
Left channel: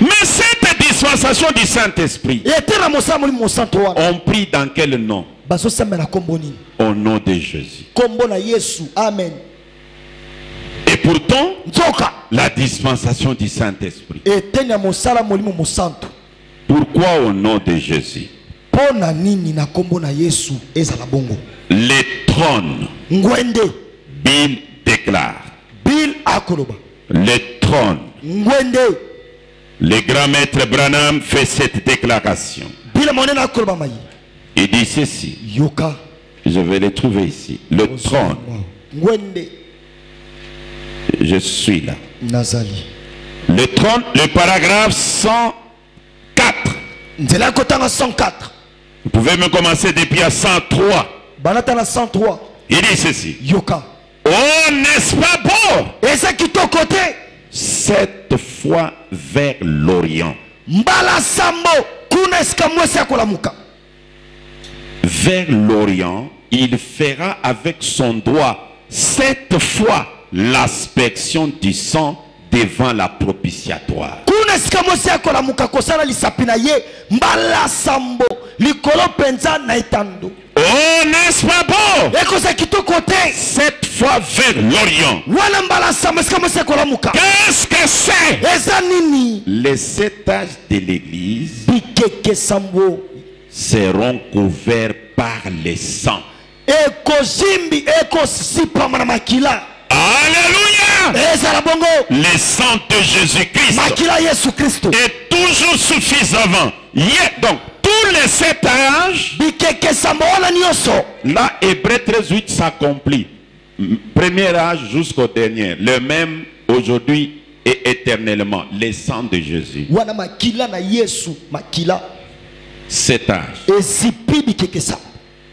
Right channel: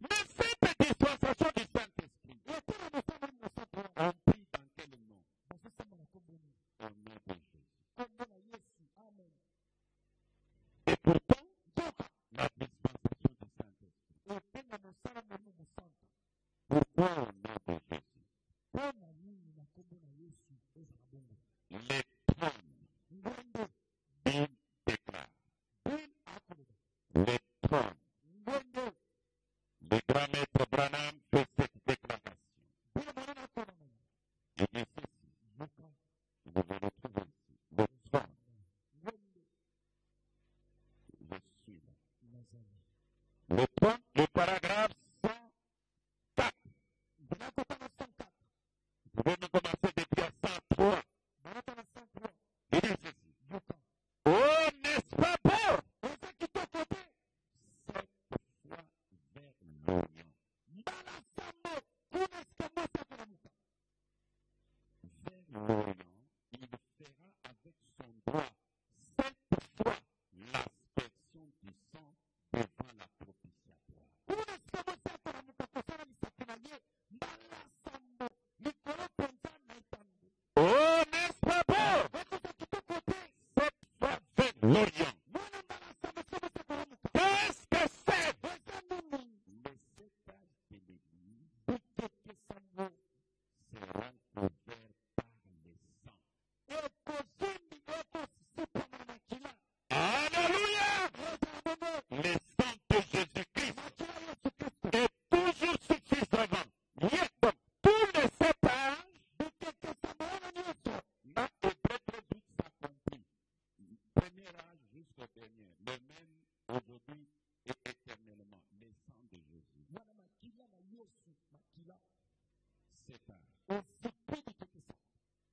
Mais cette dispensation du Saint-Esprit, ete na mosala molimo mosantu wana on prie dans quel nom? bazosambela nkombo nini Au nom de Jésus. nkombo na yesu amen Et pourtant, nzoka la dispensation du Saint-Esprit. eteni ya mosala molimo mosantu Pourquoi au nom de Jésus? mpo na nini na nkombo na yesu ezala bongo Les trônes, ngwende Bill déclare. bill akoloba Les trônes. ngwende Le grand maître Branham fait cette déclaration. bill monene akoloba mai Il dit ceci. yoka Je vais le trouver ici. Le trône. ngwende Je suis là. nazali Le trône, le paragraphe 104. nzela ya kotanga 104 Vous pouvez me commencer depuis à 103. banata na 103 Il dit ceci. yoka Oh, n'est-ce pas beau? eza kitoko te Cette fois vers l'Orient. mbala sambo kuna esika mwesi ya kolamuka Vers l'Orient, il fera avec son doigt 7 fois l'aspersion du sang devant la propitiatoire. kuna esika mwesi ya kolamuka kosala lisapi na ye mbala sambo likolo mpenza na etando Oh, n'est-ce pas beau? ekoza kitoko te 7 fois vers l'Orient. wana mbala sambo esika mwesi ya kolamuka Qu'est-ce que c'est? eza nini Les 7 âges de l'Église bikeke sambo seront couverts par le sang. ekozimbi ekosipama na makila Alléluia! ezala bongo Le sang de Jésus-Christ makila yesu kristo est toujours suffisant. Donc, tous les 7 âges, bikeke sambo wana nyonso là, Hébreu 13:8 s'accomplit. Premier âge jusqu'au dernier. Le même aujourd'hui et éternellement. Le sang de Jésus. wana makila na yesu makila 7 âges. ezipi bikeke sambo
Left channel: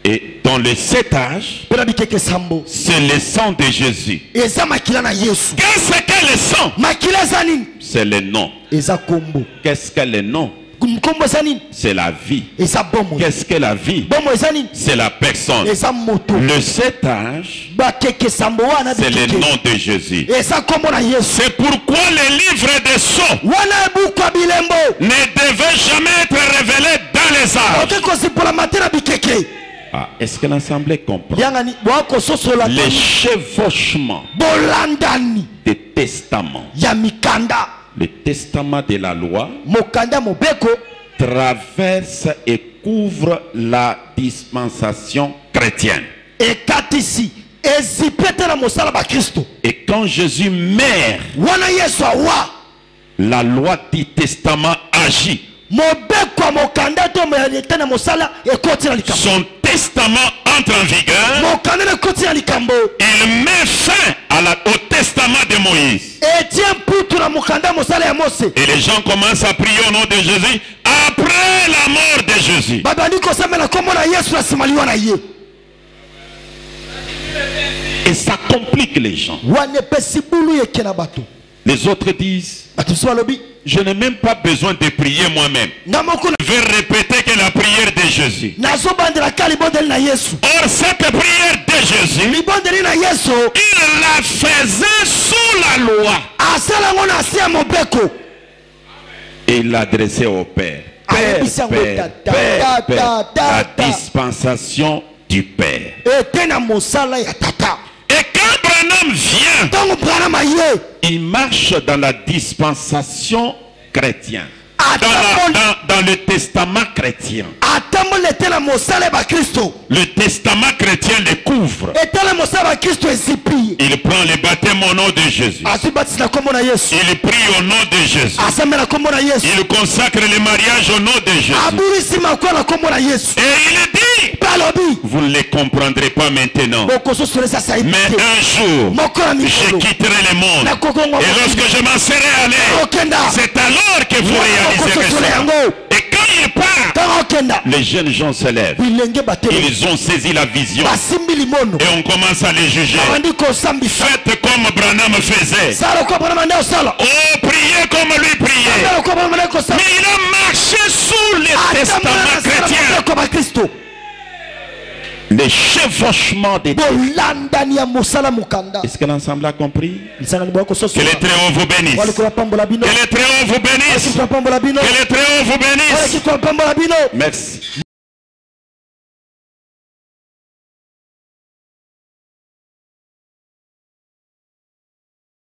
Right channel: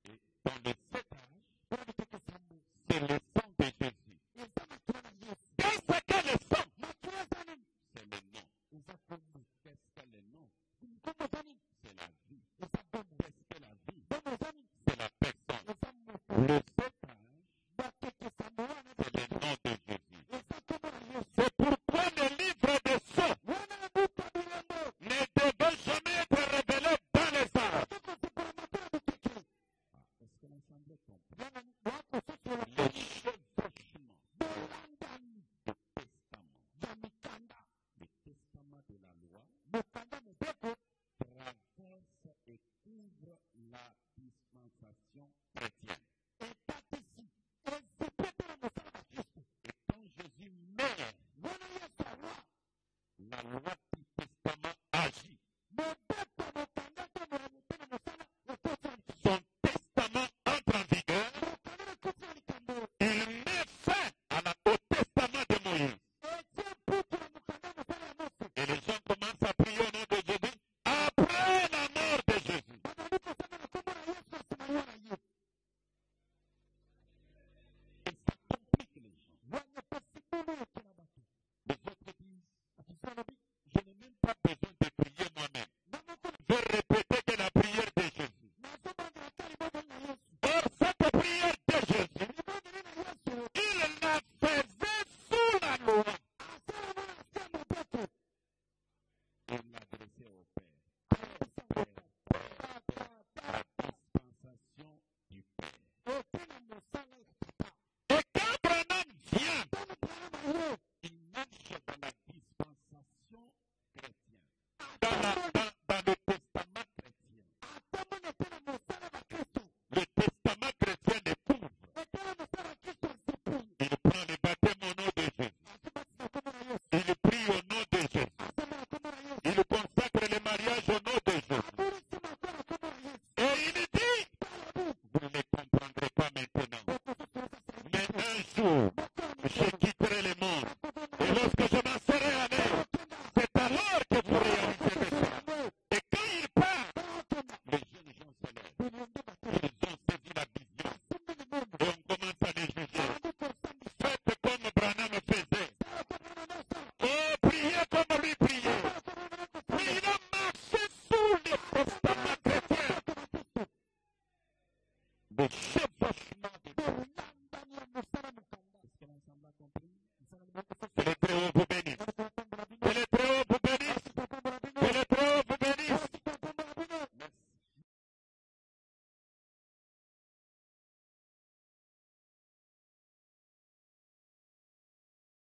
Et dans les 7 âges, mpe na bikeke sambo c'est le sang de Jésus. eza makila na yesu Qu'est-ce que le sang? makila eza nini C'est le nom. eza kombo Qu'est-ce que le nom? nkombo eza nini C'est la vie. eza bomo Qu'est-ce que la vie? bomo eza nini C'est la personne. eza moto Le 7 âge, bakeke sambo wana c'est le bikeke nom de Jésus. eza nkombo na yesu C'est pourquoi le livre des sceaux wana ebuku ya bilembo ne devait jamais être révélé dans les âges. oke kosipolama te na bikeke Ah, est-ce que l'Assemblée comprend? yangani boakososola Les chevauchements bolandani des testaments. ya mikanda Le testament de la loi mokanda mobeko traverse et couvre la dispensation chrétienne. ekatisi ezipe te na mosala bakristo Et quand Jésus meurt, wana yesu awa la loi du testament agit. mobeko ya mokanda to te na mosala ekoti na likambo Son testament entre en vigueur. mokanda na ekoti na likambo Il met fin au testament de Moïse. etie mputu na mokanda mosala ya mose Et les gens commencent à prier au nom de Jésus après la mort de Jésus. babandi kosambela nkombo na yesu na nsima liwa na ye Et ça complique les gens. wana epesi bulu eke na bato Les autres disent, bato mosusu balobi je n'ai même pas besoin de prier moi-même. nga moko Je vais répéter que la prière de Jésus. nazobandelaka libondeli na yesu Or, cette prière de Jésus, libondeli na yesu il la faisait sous la loi. asala yango na se ya mobeko Et il l'adressait au Père. Père, Père, Père, la dispensation du Père. ete na mosala ya tata Et quand Branham vient, ntango branham aye il marche dans la dispensation chrétienne. atamoli Dans le testament chrétien. atamboli ete na mosala ya bakristo Le testament chrétien le couvre. etala mosala ya bakristo ezipi ye Il prend le baptême au nom de Jésus. azwi batisi na nkombo na yesu Il prie au nom de Jésus. asambe na nkombo na yesu Il consacre le mariage au nom de Jésus. abulisi makoa na nkombo na yesu Et il dit, mpe alobi vous ne le comprendrez pas maintenant. bokososola eza sayibi Mais te un jour, moko na je mikolo quitterai le monde. nakokongwa Et lorsque je m'en serai allé, okenda c'est alors que vous réaliserez okososola ça. yango Et quand il part, les jeunes gens se lèvent. Ils ont saisi la vision. Et on commence à les juger. Faites comme Branham faisait. Oh, priez comme lui priait. Mais il a marché sous les testaments chrétiens. Les chevauchements des textes. Est-ce que l'ensemble a compris? Que les Très-Hauts vous bénissent. Que les Très-Hauts vous bénissent. Que les Très-Hauts vous bénissent. Merci.